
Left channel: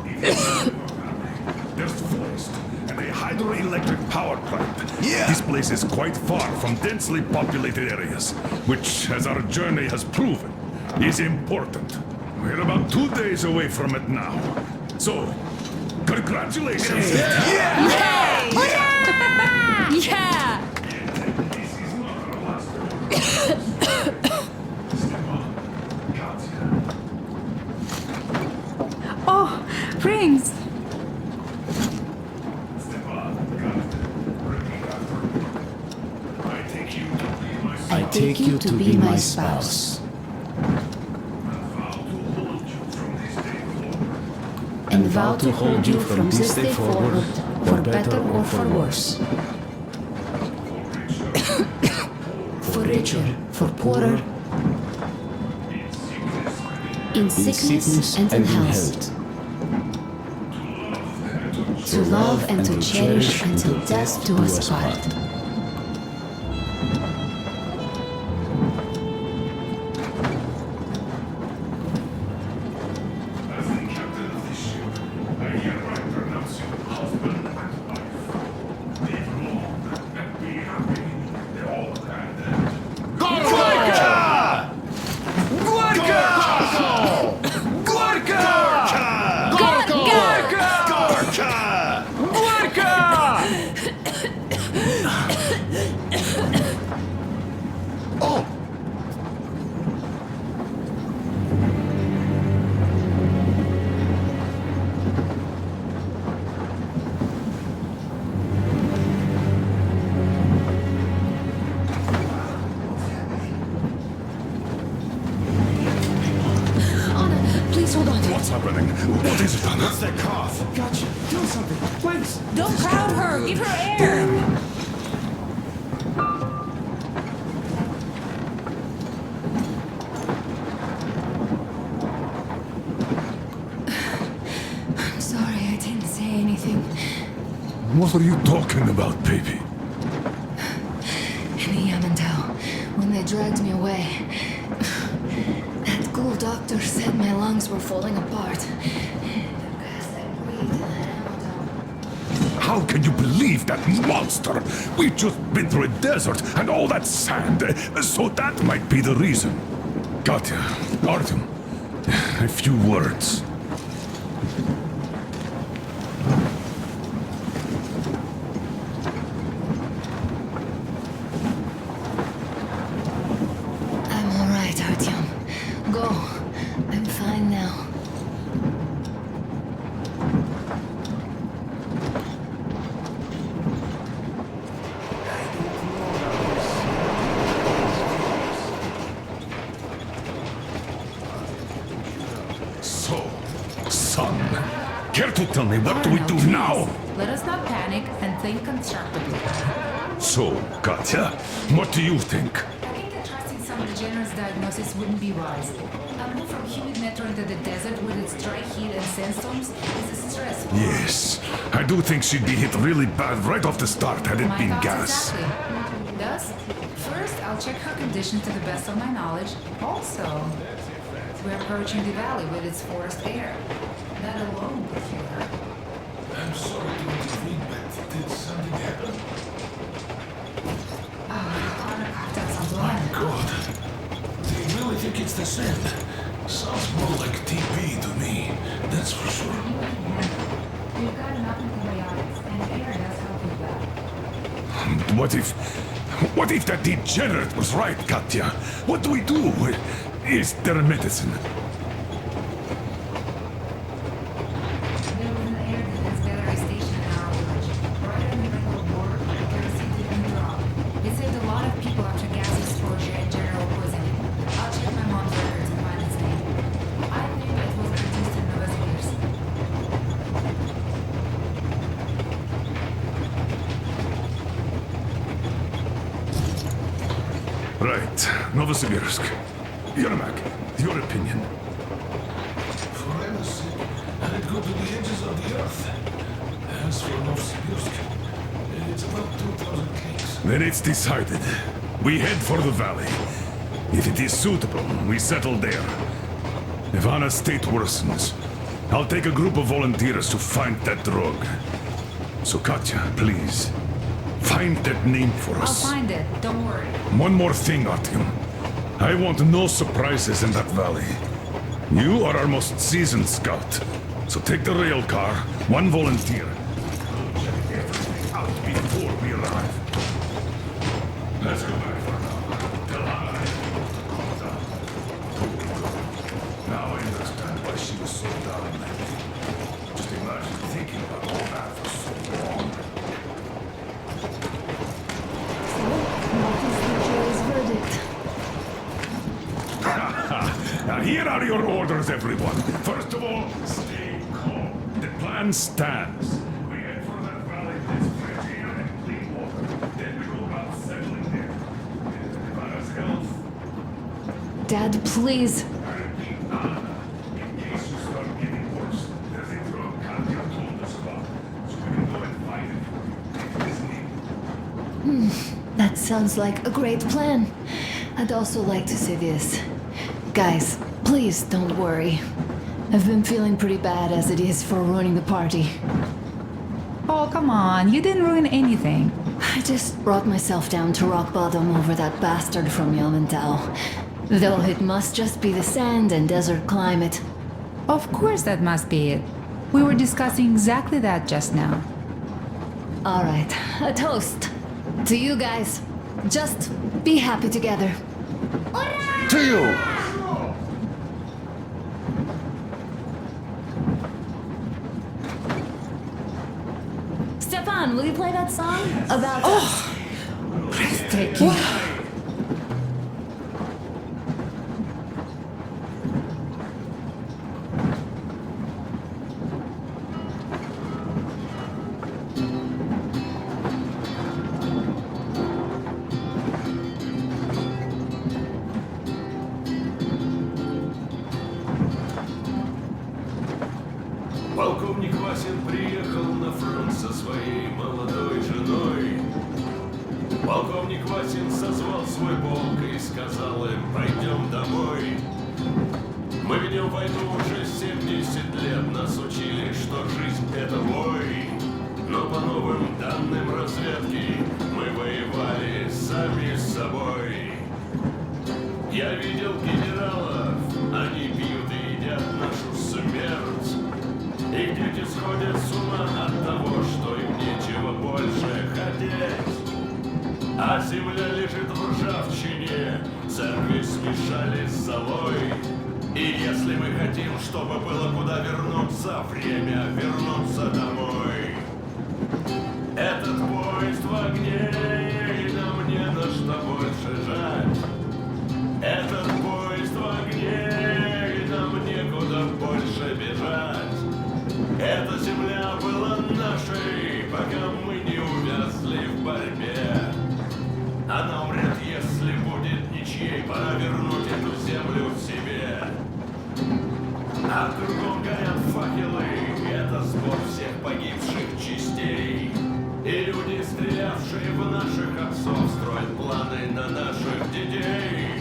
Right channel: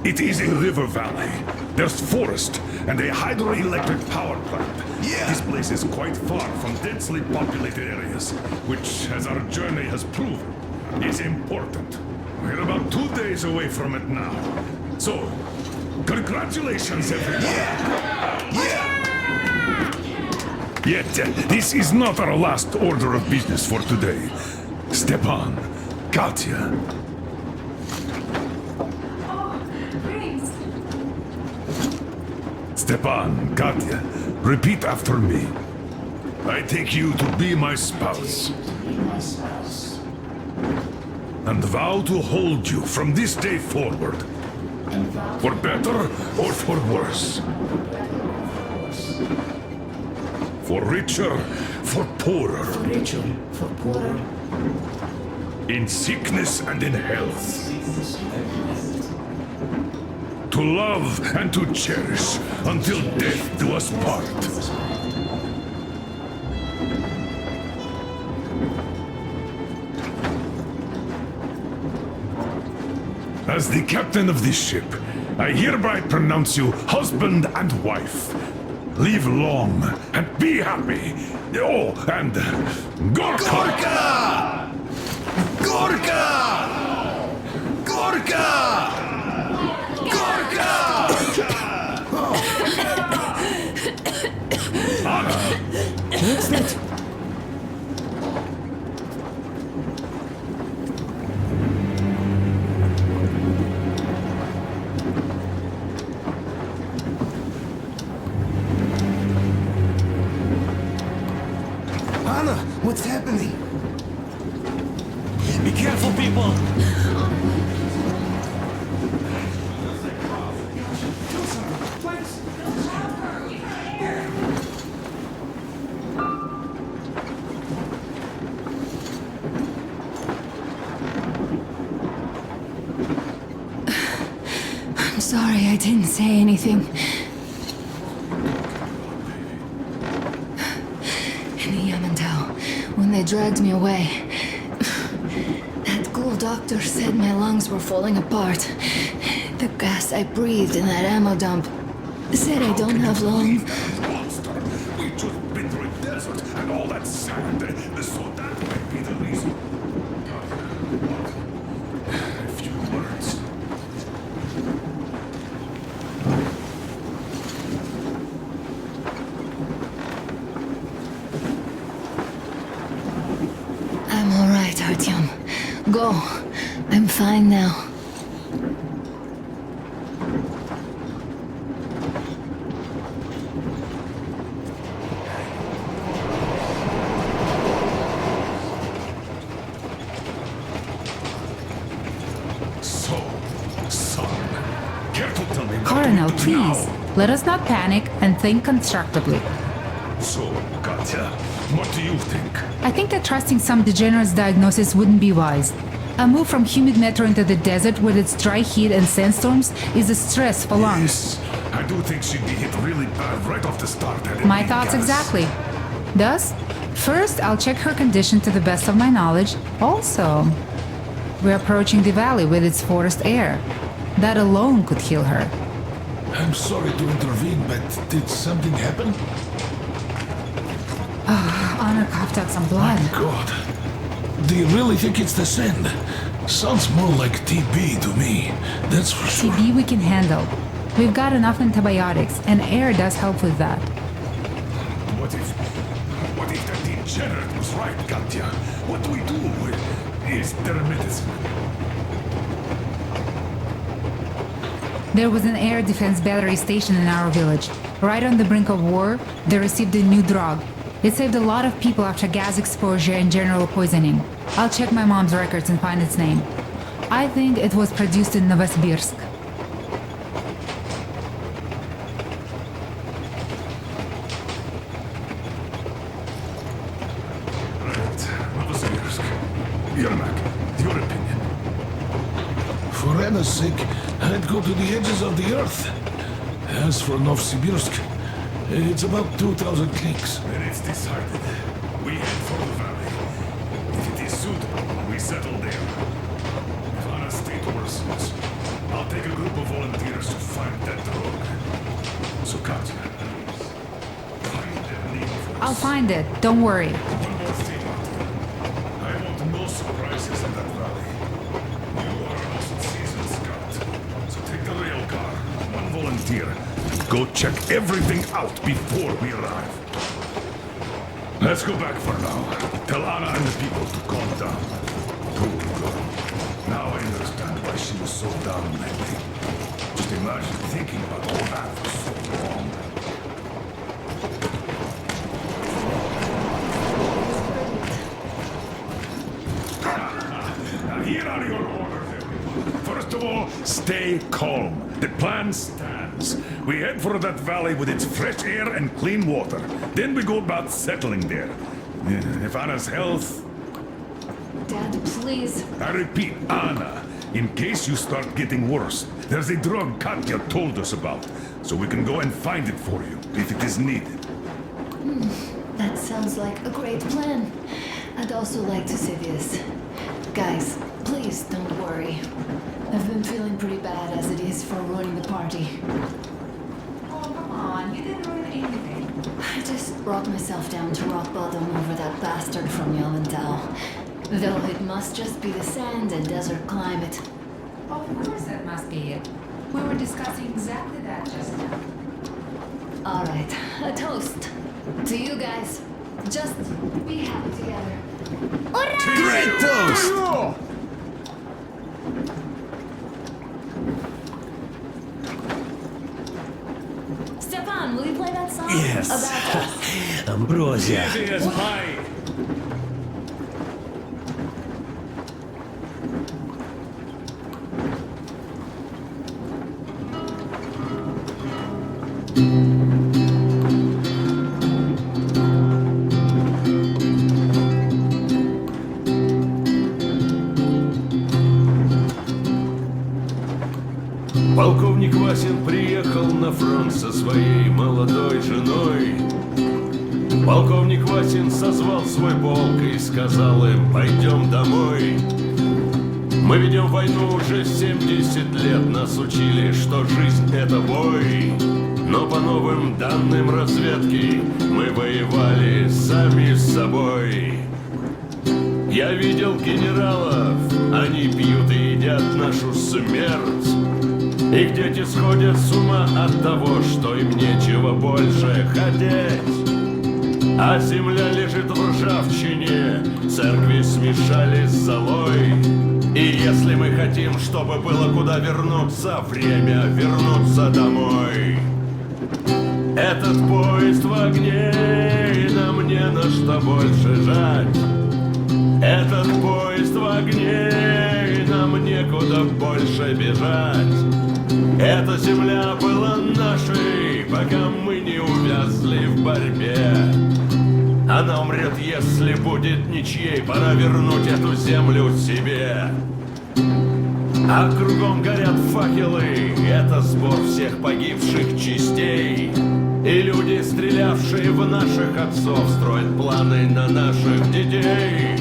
It is in River Valley. There's forest and a hydroelectric power plant. Yeah. This place is quite far from densely populated areas, which, as our journey has proven, is important. We're about 2 days away from it now. So, congratulations, everyone. Yet, this is not our last order of business for today. Stepan, Katya. Oh, rings! Stepan, Katya, repeat after me. I take you to be my spouse. I take you to be my spouse. And vow to hold you from this day forward. And vow to For hold you better from this day forward, for better or for worse. For richer, for poorer. For richer, for poorer, In sickness and in in health. sickness and in health. To love and to To cherish. love and to until cherish death until do us death part. do us part. As the captain of this ship, I hereby pronounce you husband and wife. Live long and be happy. Oh, and Gorka! Gorka! Gorka! Gorka! Gorka! Oh! Anna, what's happening? Be careful, people! Anna, please hold on. What's happening? What is it, Anna? It's that cough. Gotcha. Do something, please. Don't crowd her! Give her air! I'm sorry I didn't say anything. What are you talking about, baby? In the Yamantau, when they dragged me away, that ghoul doctor said my lungs were falling apart. The gas I breathed in that ammo dump said I How don't can you have long. believe that monster? We've just been through a desert and all that sand, so that might be the reason. Katya, Artem, a few words. I'm all right, Artyom. Go. I'm fine now. So, son, care to tell me what Colonel, do we do please. now? Let us not panic and think constructively. So, Katya, what do you think? I think that trusting some degenerate's diagnosis wouldn't be wise. A move from humid metro into the desert with its dry heat and sandstorms is a stress for lungs. Yes, I do think she'd be hit really bad right off the start had it My been thoughts gas. exactly. Thus, first I'll check her condition to the best of my knowledge. Also, we're approaching the valley with its forest air. That alone could heal her. I'm sorry to intervene, but did something happen? Honor coughed out some blood. God, do you really think it's the sand? Sounds more like TB to me, that's for sure. TB we can handle. We've got enough antibiotics, and air does help with that. What if that degenerate was right, Katya? What do we do? Is there a medicine? There was an air defense battery station in our village. Right on the brink of war, they received a new drug. It saved a lot of people after gas exposure and general poisoning. I'll check my mom's records and find its name. I think it was produced in Novosibirsk. Right, Novosibirsk. Yermak, your opinion? For Anna's sake, I'd go to the edges of the earth. As for Novosibirsk, it's about 2,000 clicks. Then it's decided. We head for the valley. If it is suitable, we settle there. If Anna's state worsens, I'll take a group of volunteers to find that drug. So Katya, please, find that name for us. I'll find it, don't worry. One more thing, Artyom. I want no surprises in that valley. You are our most seasoned scout. So take the rail car, one volunteer. Go check everything out before we arrive. Let's go back for now. Tell Anna and the people to calm down. Poor girl. Now I understand why she was so down lately. Just imagine thinking about all that for so long. Now here are your orders, everyone. First of all, stay calm. The plan stands. We head for that valley with its fresh air and clean water. Then we go about settling there. If Anna's health... Dad, please. I repeat, Anna. In case you start getting worse, there's a drug Katya told us about. So we can go and find it for you, if it is needed. That sounds like a great plan. I'd also like to say this. Guys, please don't worry. I've been feeling pretty bad as it is for ruining the party. Oh, come on, you didn't ruin anything. I just brought myself down to rock bottom over that bastard from Yelmental. Though it must just be the sand and desert climate. Of course that must be it. We were discussing exactly that just now. All right, a toast. To you guys. Just be happy together. Stefan, will you play that song? Yes. About us. Ambrosia. Полковник Васин приехал на фронт со своей молодой женой. Полковник Васин созвал свой полк и сказал им: пойдем домой. Мы ведем войну уже 70 лет, нас учили, что жизнь это бой. Но по новым данным разведки мы воевали сами с собой. Я видел генералов, они пьют и едят нашу смерть. Их дети сходят с ума от того, что им нечего больше хотеть. А земля лежит в ржавчине, церкви смешали с золой. И если мы хотим, чтобы было куда вернуться, время вернуться домой. Этот поезд в огне, и нам не на что больше жать. Этот поезд в огне, и нам некуда больше бежать. Эта земля была нашей, пока мы не увязли в борьбе. Она умрет, если будет ничьей, пора вернуть эту землю себе. А кругом горят факелы, это сбор всех погибших частей. И люди, стрелявшие в наших отцов, строят планы на наших детей.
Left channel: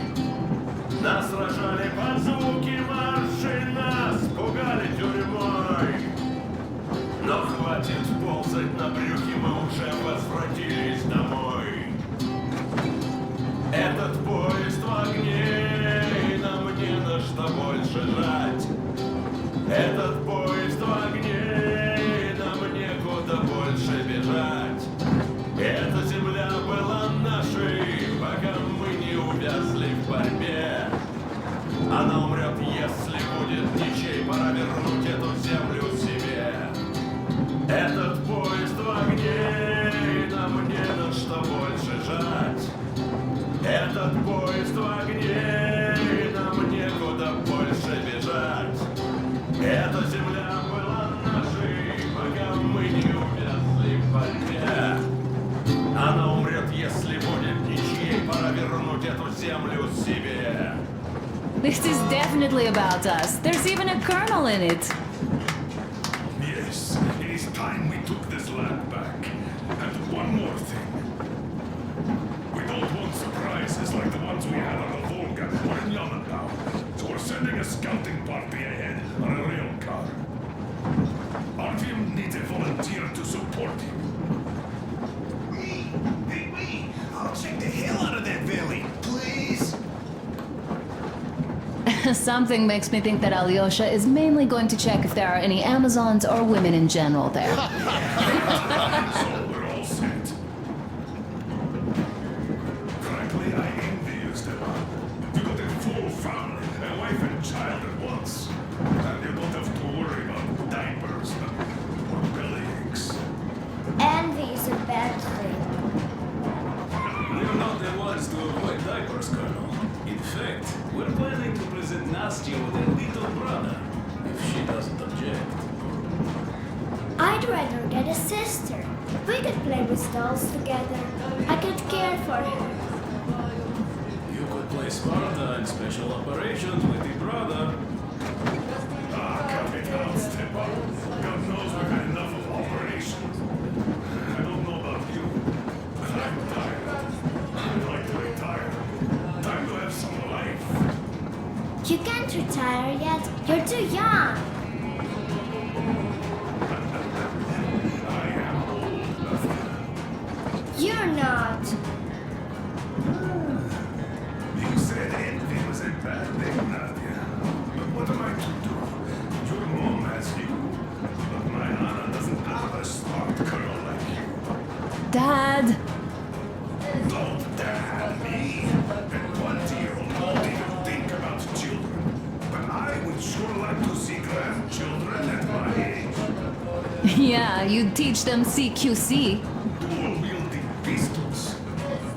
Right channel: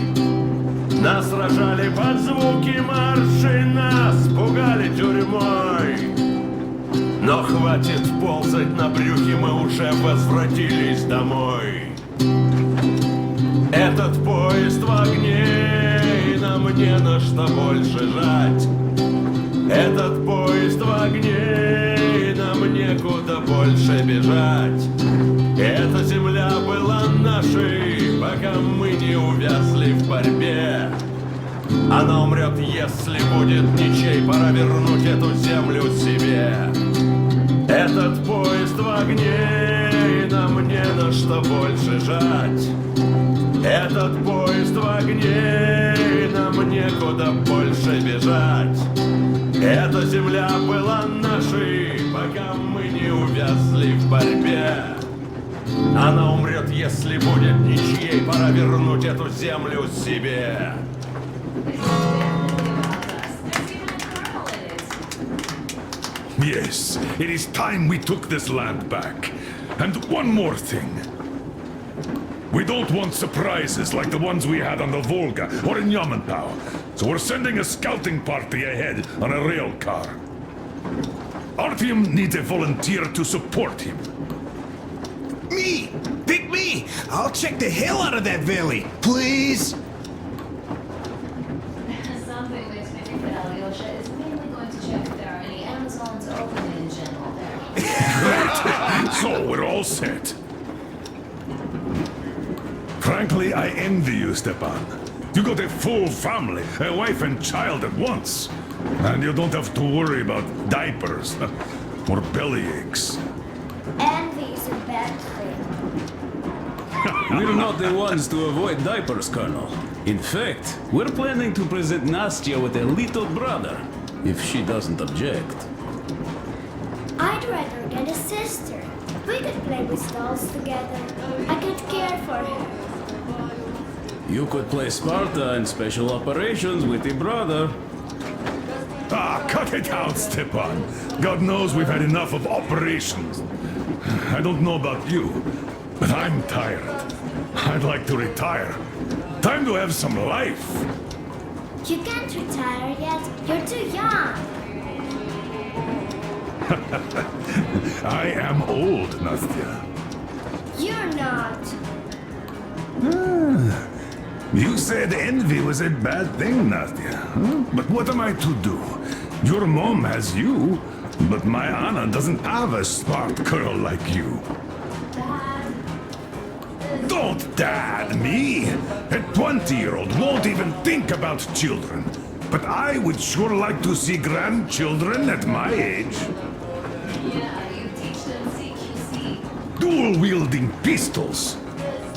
Нас сражали под звуки маршей, нас пугали тюрьмой. Но хватит ползать на брюхе, мы уже возвратились домой. Этот поезд в огне, и нам не на что больше жать. Этот поезд в огне, и нам некуда больше бежать. Эта земля была нашей, пока мы не увязли в борьбе. Она умрет, если будет ничей, пора вернуть эту землю себе. Этот поезд в огне, и нам не на что больше жать. Этот поезд в огне, и нам некуда больше бежать. Эта земля была нашей, пока мы не увязли в борьбе. Она умрет, если будет ничьей, пора вернуть эту землю себе. This is definitely about us. There's even a colonel in it. Yes, it is time we took this land back. And one more thing. We don't want surprises like the ones we had on the Volga or in Yamantau. So we're sending a scouting party ahead on a rail car. Artyom needs a volunteer to support him. Me! Pick me! I'll check the hell out of that valley, please! Something makes me think that Alyosha is mainly going to check if there are any Amazons or women in general there. So we're all set. Frankly, I envy you, Stepan. You got a full family, a wife and child at once. And you don't have to worry about diapers or belly aches. Envy is a bad thing. We're not the ones to avoid diapers, Colonel. In fact, we're planning to present Nastya with a little brother, if she doesn't object. I'd rather get a sister. We could play with dolls together. I could care for her. You could play Sparta in special operations with your brother. Ah, cut it out, Stepan. God knows we've had enough of operations. I don't know about you, but I'm tired. I'd like to retire. Time to have some life. You can't retire yet. You're too young. I am old, Nastya. You're not. You said envy was a bad thing, Nastya. But what am I to do? Your mom has you, but my Anna doesn't have a smart girl like you. Dad! Don't Don't, Dad. Me? A 20-year-old won't even think about children. But I would sure like to see grandchildren at my age. Yeah, you teach them CQC. Dual-wielding pistols.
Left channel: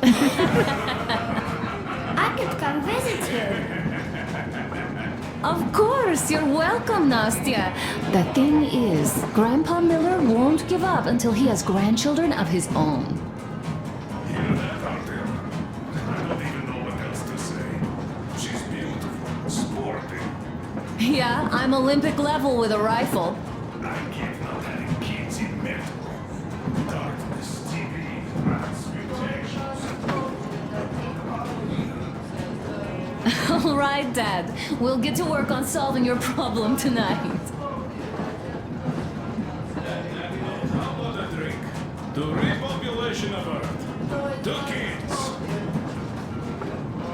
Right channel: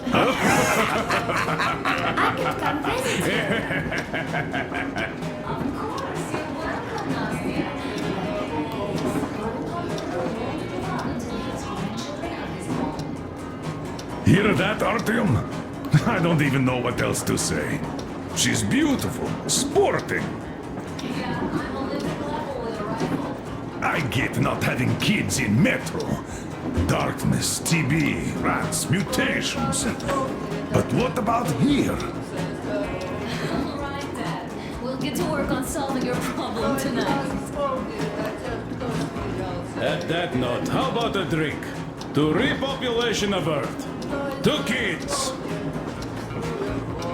I could come visit you. Of course, you're welcome, Nastya. The thing is, Grandpa Miller won't give up until he has grandchildren of his own. Hear that, Artyom? I don't even know what else to say. She's beautiful, sporting. Yeah, I'm Olympic level with a rifle. I get not having kids in Metro. Darkness, TB, rats, mutations. But what about here? All right, Dad. We'll get to work on solving your problem tonight. At that note, how about a drink? To repopulation of Earth. To kids.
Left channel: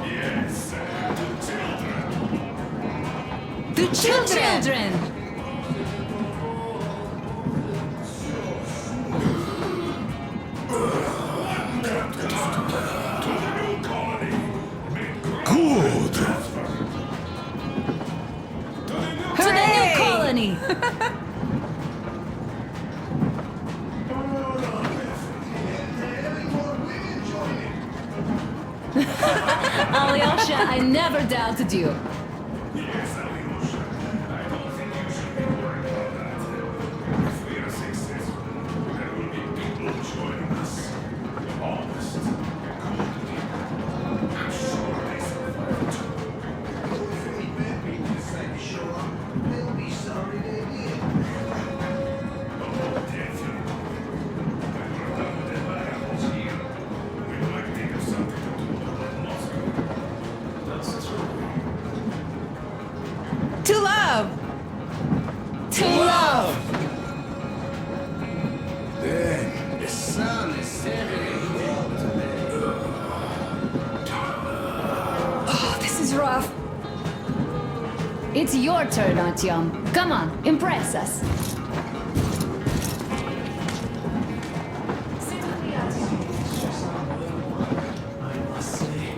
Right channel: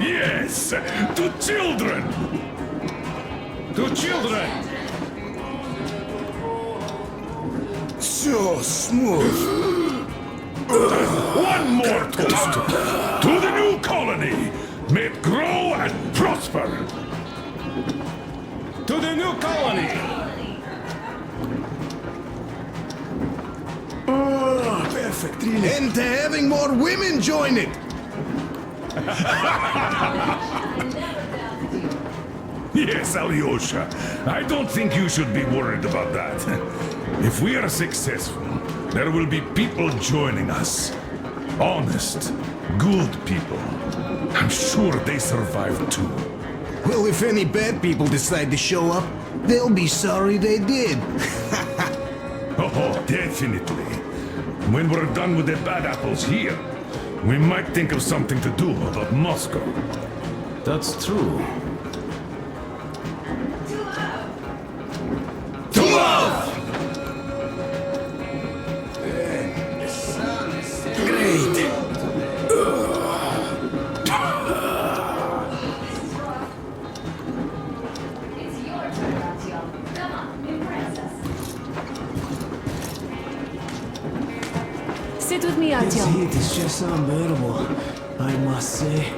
Yes, to children. To children. So smooth. One more toast to the new colony. May it grow and prosper. To the new colony! And to having more women join it. Alyosha, I never doubted you. Yes, Alyosha. I don't think you should be worried about that. If we are successful, there will be people joining us. Honest, good people. I'm sure they survive too. Well, if any bad people decide to show up, they'll be sorry they did. Oh, definitely. When we're done with the bad apples here, we might think of something to do about Moscow. That's true. To love! To love! Man, the sun is great. This is rough. It's your turn, Artyom. Come on, impress us. Sit with me, This Artyom. heat is just unbearable, I must say.